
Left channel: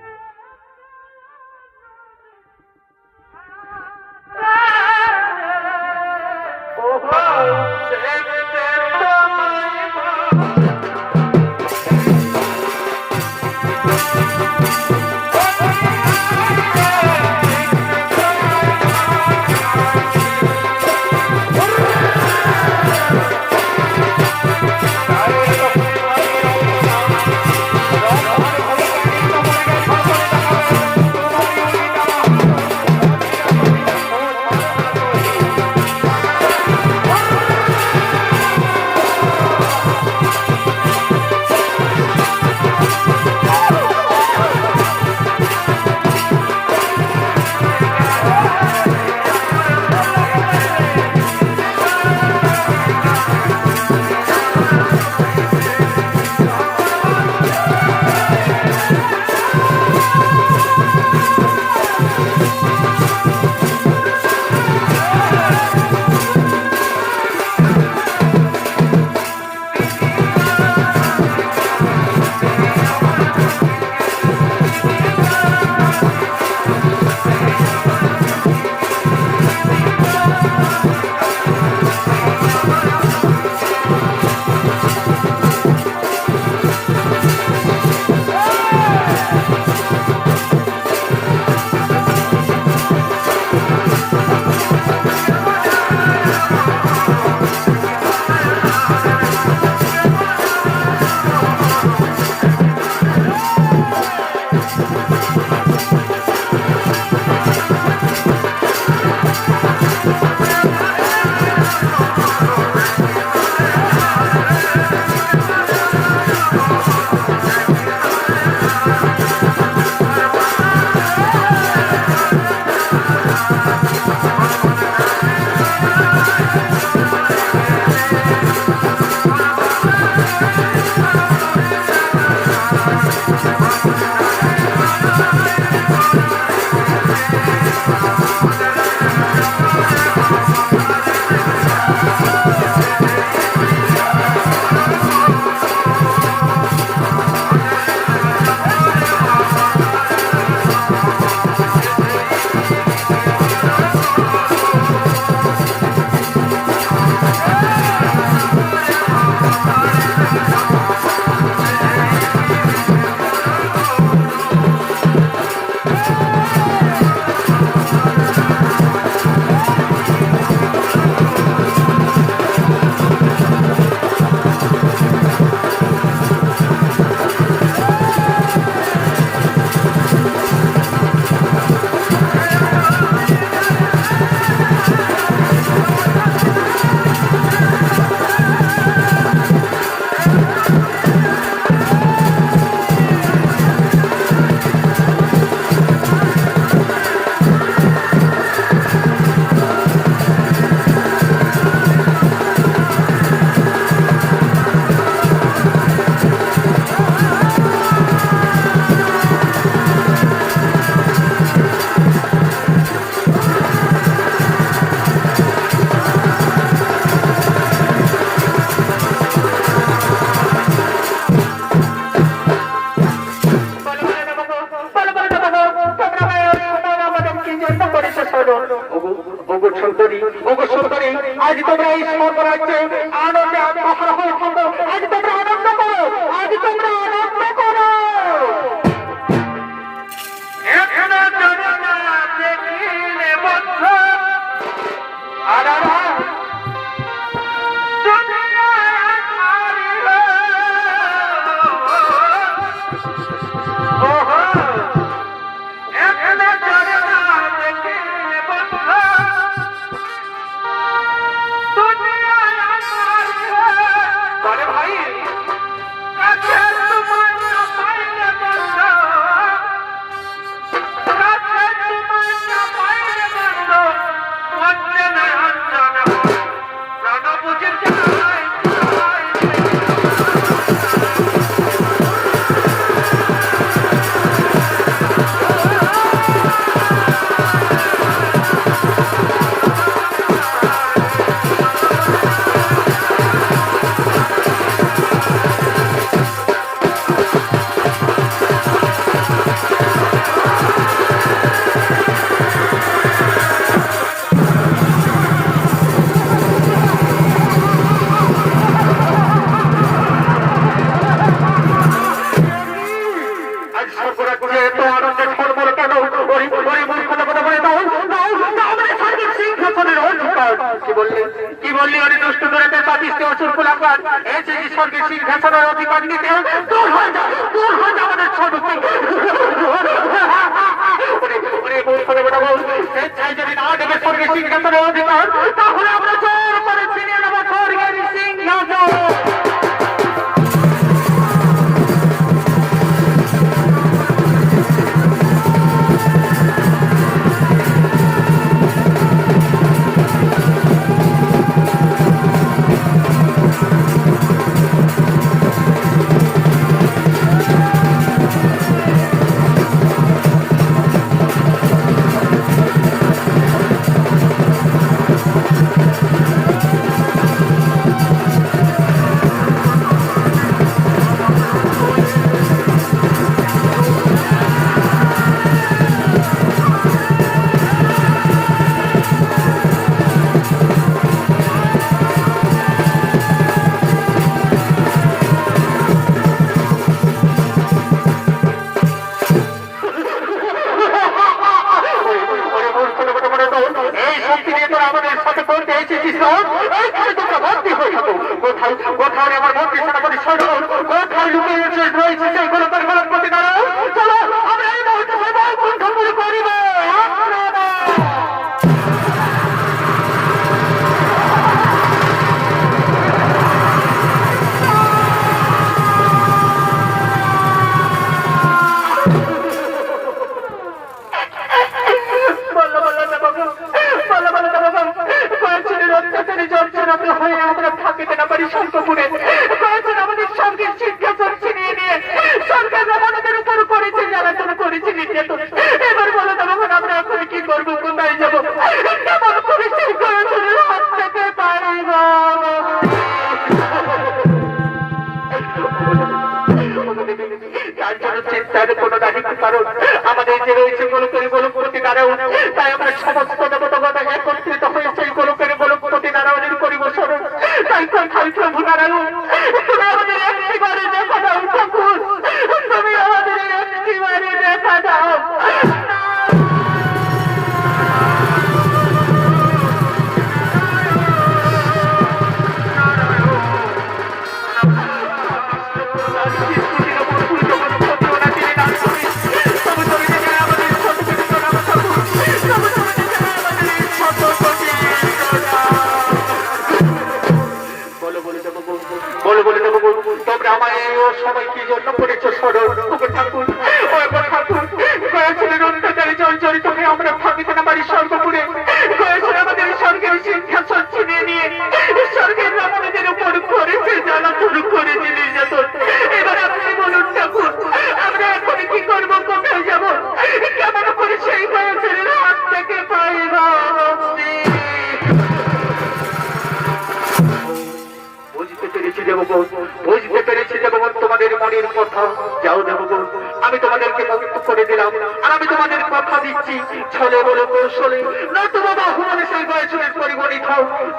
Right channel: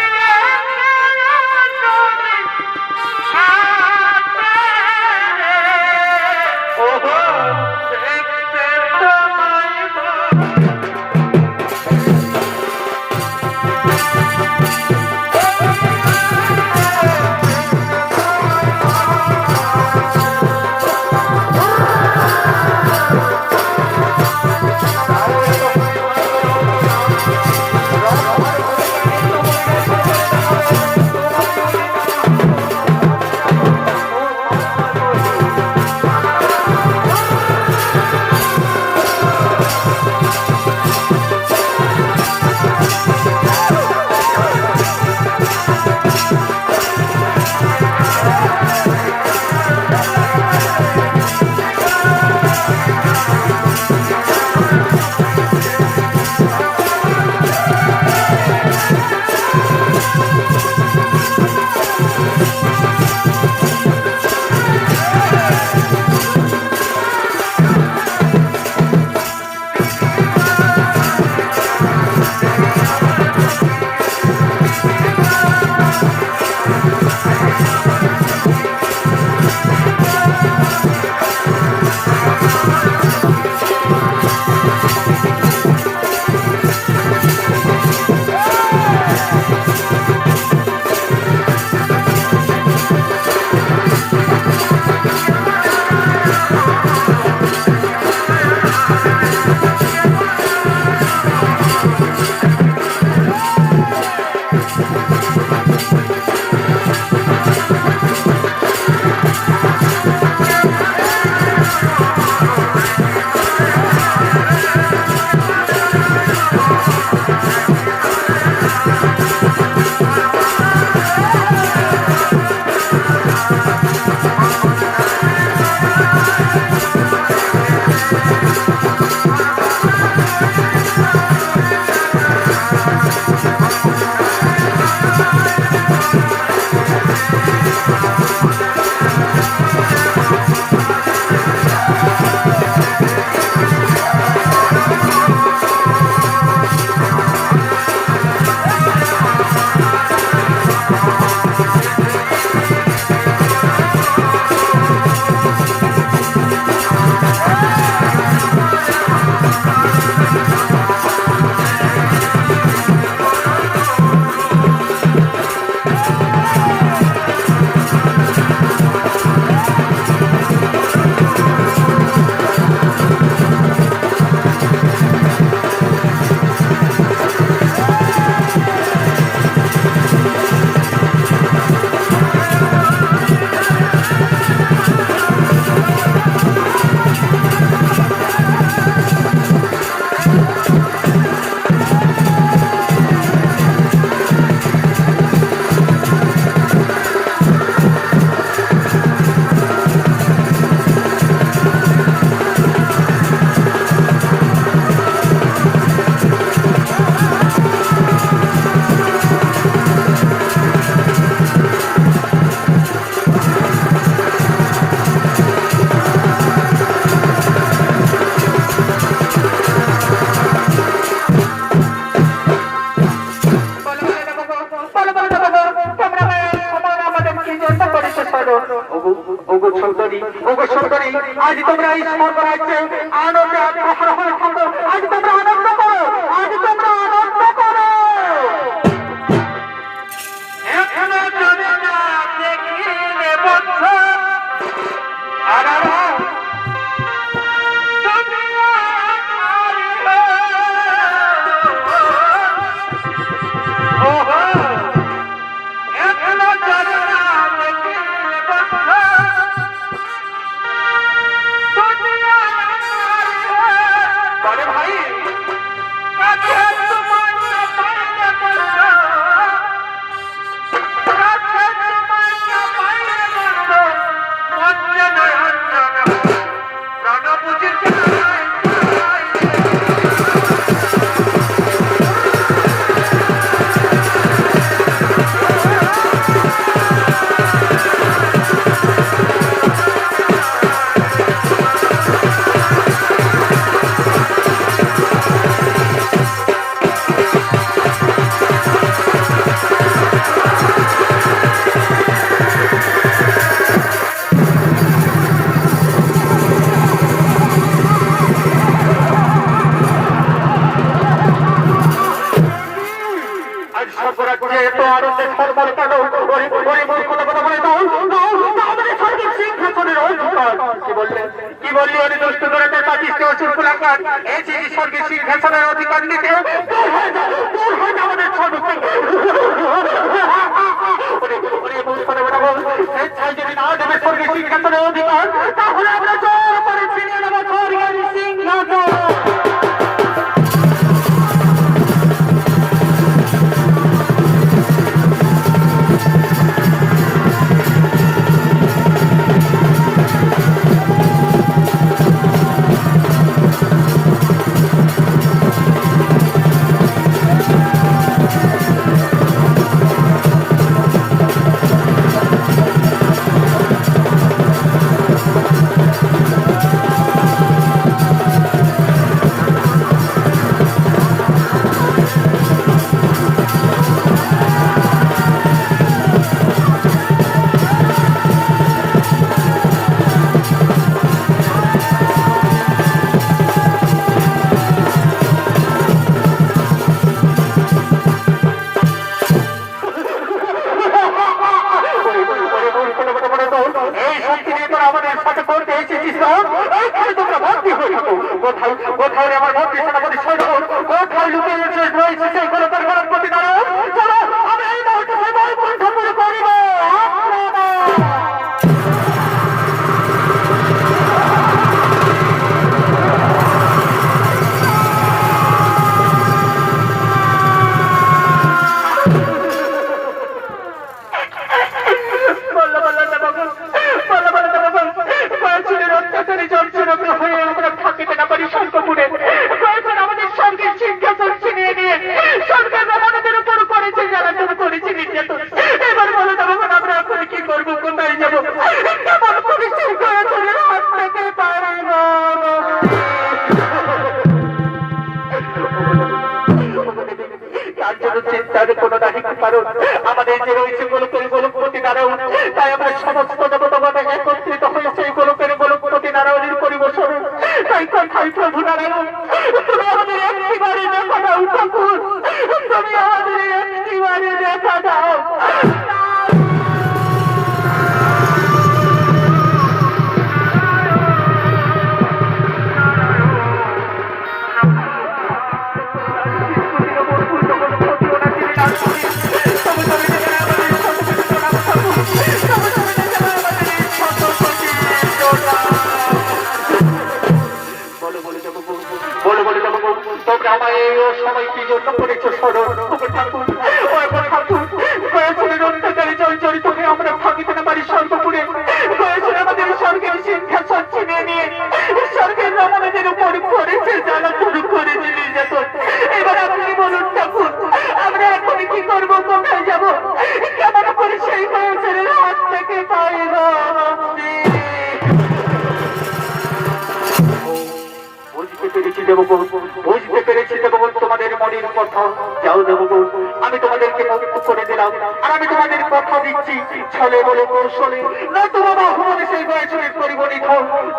ওগো সুন্দরী, আজ তোমরা এই স্বর্গরাজ্যে আনন্দে আত্মহারা হয়ে থাকো। আজ তোমরা আনন্দ করো, আজ তোমরা আনন্দ করো। এখানে যদি না দেখিলে বন্ধু আর কি বললি ওরে দুষ্ট দূরতে পাঠিয়েছে অসুর কুলাকার এই যে স্বর্গের সিংহাসনের অধিকার নিতে দূর হয়ে যা আমাদের সর্বস্ব যদি না দেবে স্বর্গের সিংহাসনের অধিকার তাহলে আমরা জোর করে ছিনিয়ে নেব স্বর্গের সিংহাসন। কোথাও আমার মন্ত্রী সেনাপতি সৈন্য কোথায় লুকিয়ে রয়েছে সেইগুলো তার প্রতি দাঁড়াও। চলো আমরা এই মুহূর্তে কণ্ঠপুর করিব। আমরা থাকিতে না পারি স্বর্গপুরে আমাদের স্বর্গের সিংহাসন ছিনিয়ে নিয়ে সরকার আমাদের উপর করেছে জ্বালাতন করেছে নির্যাতন। এবার বলে দেবো আমরা এখন কি করবো, কোথায় যাবো, কেমন পরিস্থিতি করেছে হাত থেকে পারিব। তার জন্য চিন্তার কোন দায়িত্ব কারণ আমাদের যে রয়েছে গোলকের গোলকপতি নারায়ণ, তাই আমরা সমস্ত দেবতাগণ একত্রিত হয়ে সেই গোলকের গোলকপতি নারায়ণের পরিবেশন। তাই কোথায় প্রভু নারায়ণ তুমি আমাদের একটিবারে দেখা দাও ঠাকুর, তুমি আমাদের একটিবারে দেখা দাও। তোমরা আমার এই সময় কি জন্য করেছো স্মরণ ঠাকুর অত্যাচারে জর্জরিত হয়ে আমরা ভাবিতে না পারি স্বর্গপুরে আমাদের স্বর্গের সিংহাসন ছিনিয়ে নিয়ে স্বর্গের আমাদের উপর করেছে জ্বালাতন করেছে নির্যাতন। এবার আপনি বলুন ঠাকুর আমরা এখন কি করবো, কোথায় যাবো, কেমন করে সেই বয়সের হাত থেকে পাইব। বুঝতে পেরেছি দেবগণ, তোমাদের মনের কথা। যাও দেবগণ, আমি তোমাদেরকে মুক্ত করে দিলাম। আর আমি তোমাদের কথা দিচ্ছি, ছলে বলে কৌশলে নতুবা বাহুবলে সেই বয়সের পরিগণিত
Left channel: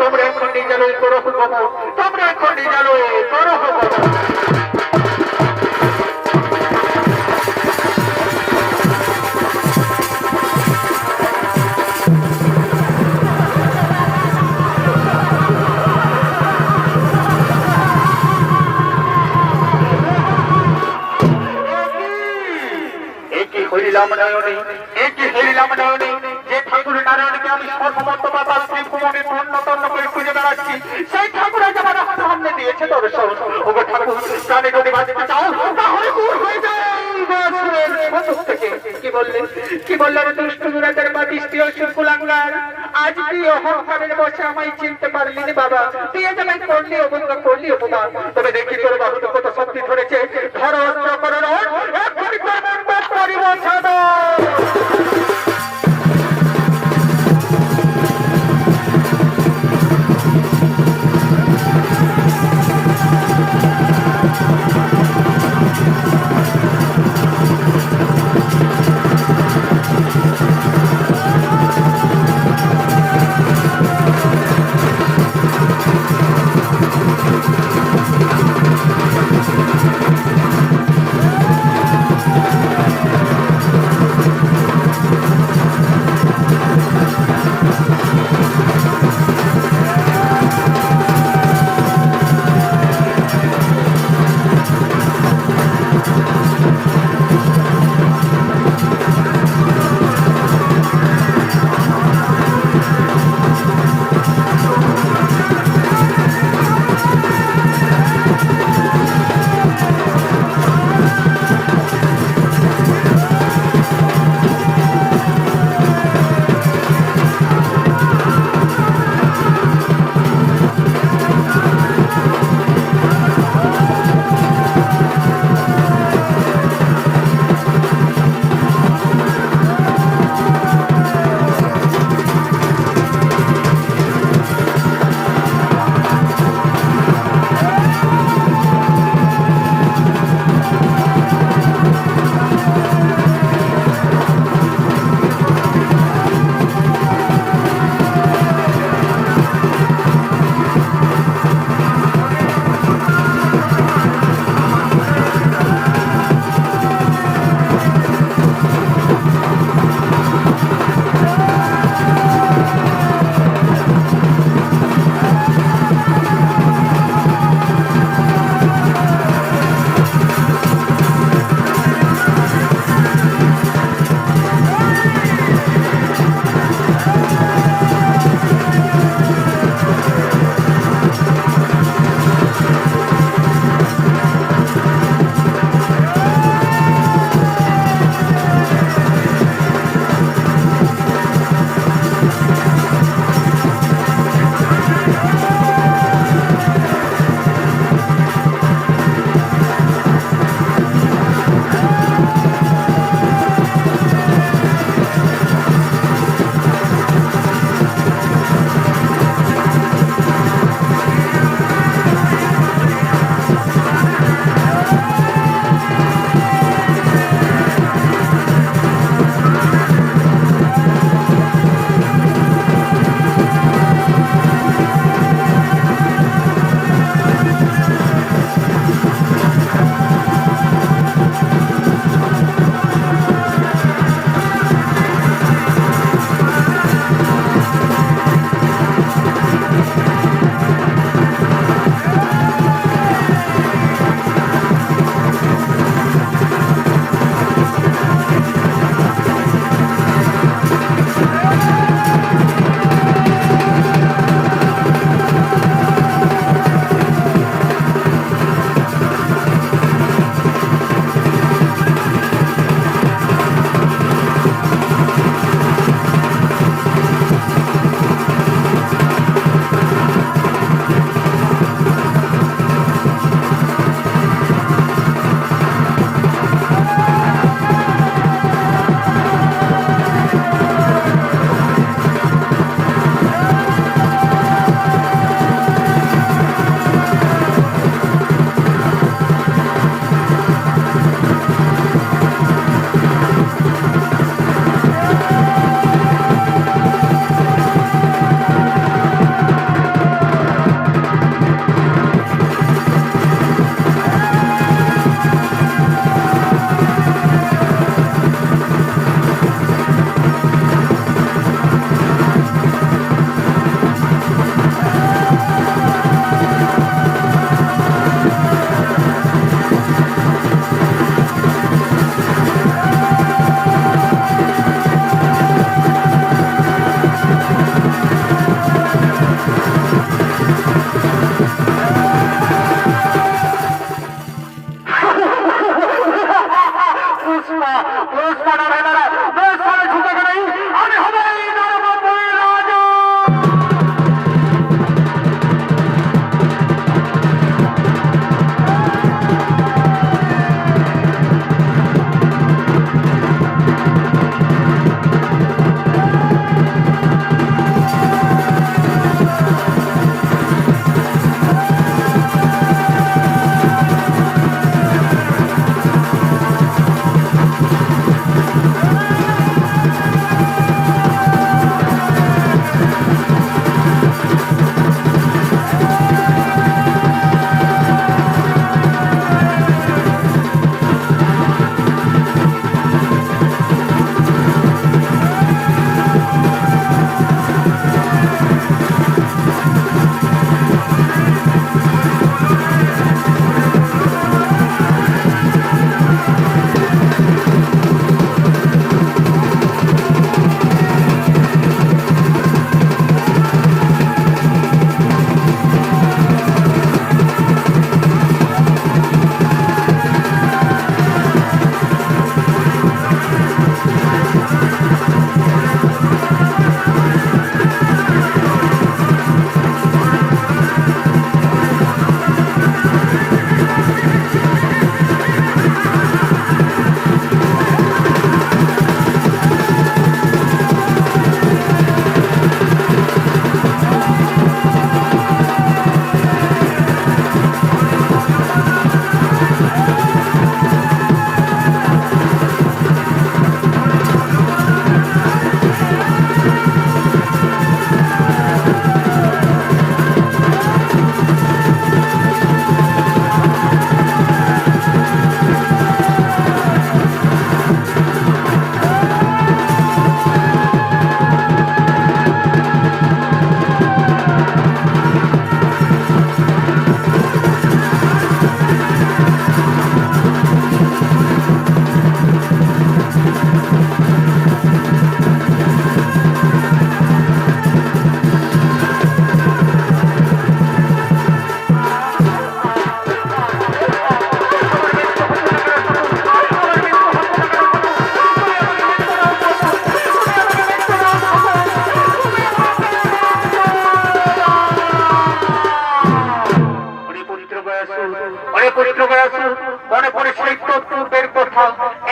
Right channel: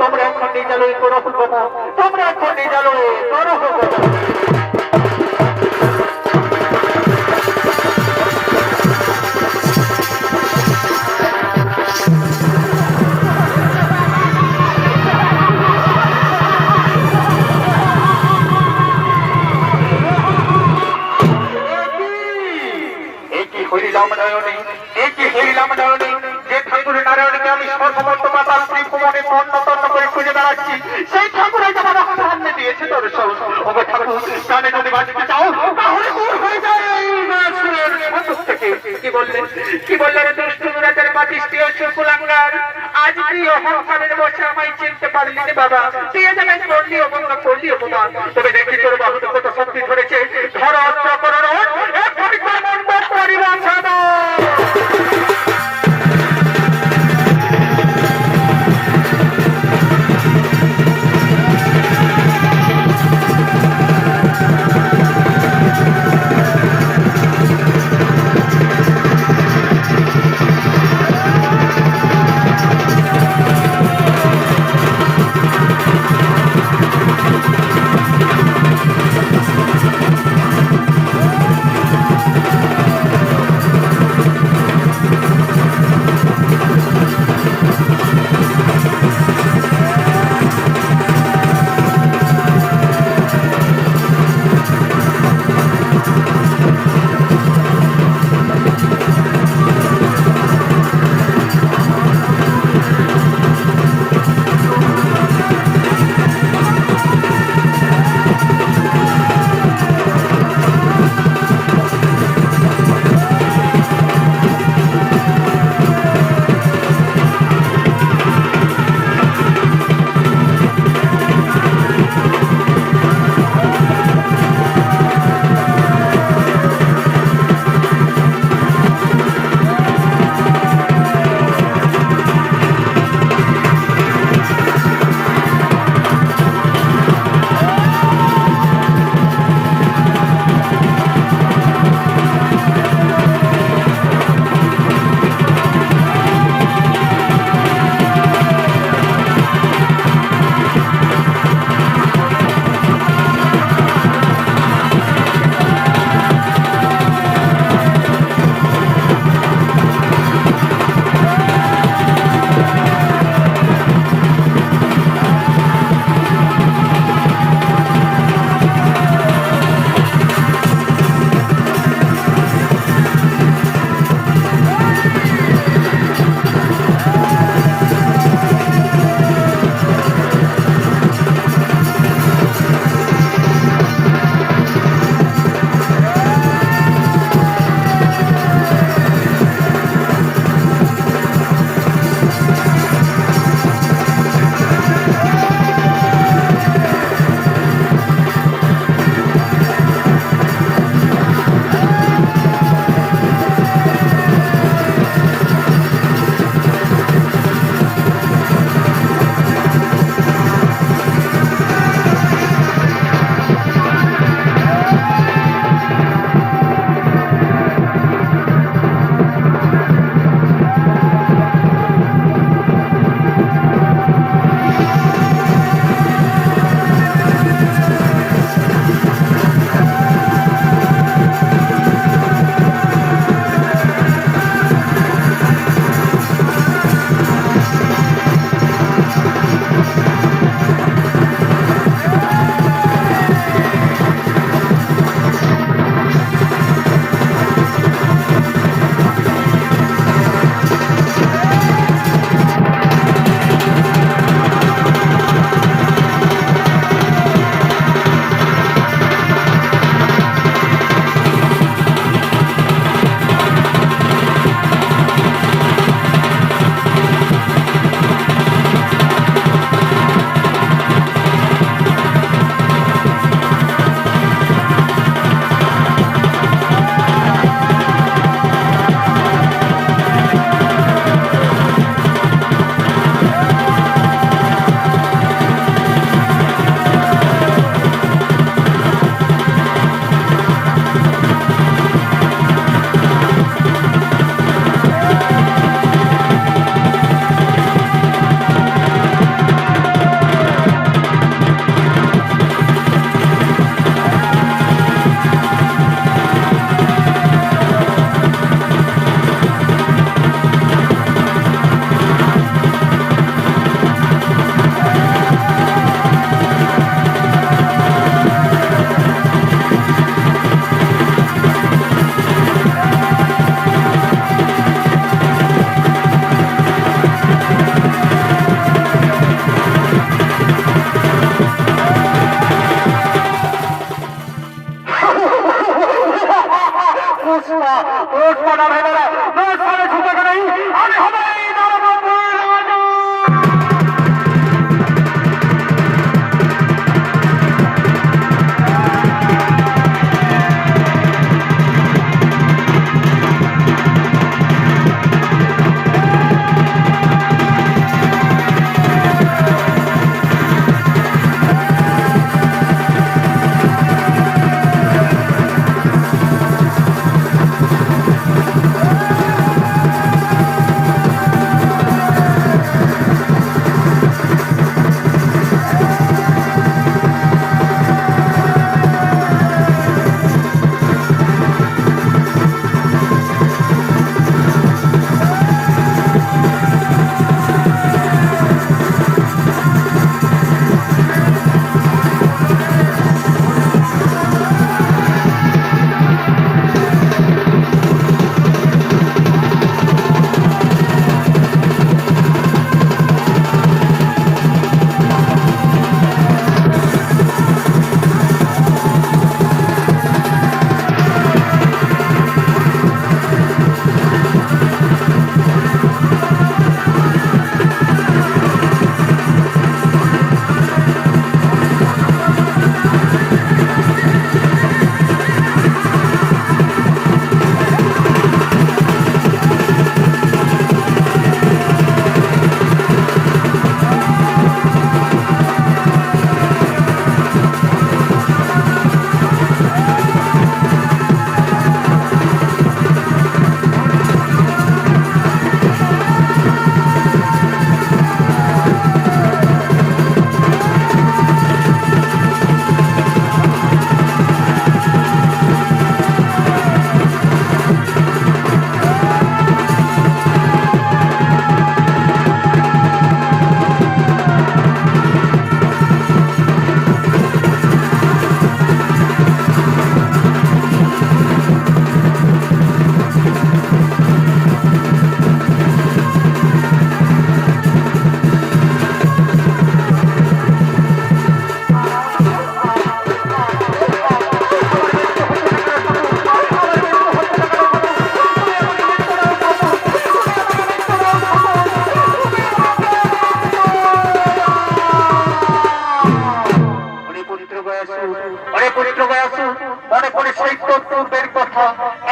তোমরা এখন নিজালোই করো হব, তোমরা এখন নিজালোই করো হব। হরিলাম নারায়ণী, একই হরিলাম নারায়ণী, যে ঠাকুর নারায়ণীকে আমি সর্বমত বাতাস ভুবনে তন্ন করে খুঁজে বেড়াচ্ছি, সেই ঠাকুর আজ আমার সামনে দিয়েছে দর্শন। ওগো ঠাকুর, প্রাণে যদি বাঁচতে চাও তাহলে দূর হয়ে যায় থেকে। কি বললেন দুষ্ট দুরাচার বাতিষ্ঠীয় শুকুলাঙ্গার, আজ তুই অহংকারের বসে আমায় চিনতে পারলি না বাবা। তুই এখানে করলি অবঙ্গ করলি অপমান, তবে দেখি তোর বাহুতে কত শক্তি ধরেছে। ধর অস্ত্র করো এক্ষুনি তোর মন পারিব ছাড়ো।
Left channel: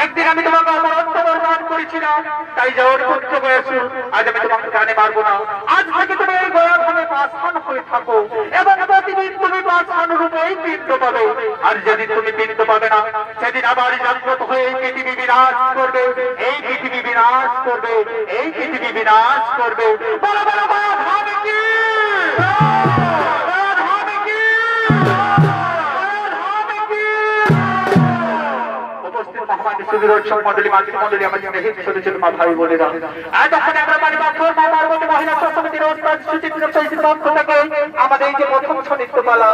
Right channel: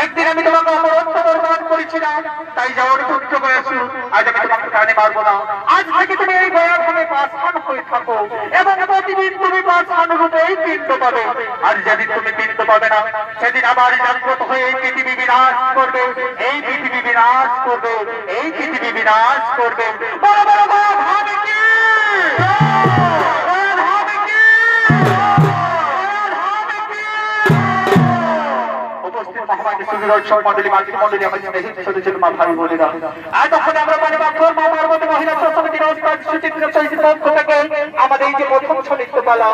একদিন আমি তোমাকে অমরত্ব বরদান করেছিলাম, তাই যাওয়ার পুত্র বয়সী আজ আমি তোমাকে প্রাণে মারবো না। আজ থেকে তুমি এই গয়াখানে পাষাণ হয়ে থাকো এবং প্রতিদিন তুমি পাষাণ রূপেই পিণ্ড পাবে। আর যেদিন তুমি পিণ্ড পাবে না, সেদিন আবার জাগ্রত হয়ে এই পৃথিবী বিনাশ করবে, এই পৃথিবী বিনাশ করবে, এই পৃথিবী বিনাশ করবে। বড় বড় বাদ হবে কি? আমাদের এই যে প্রথম সনিত্য পালা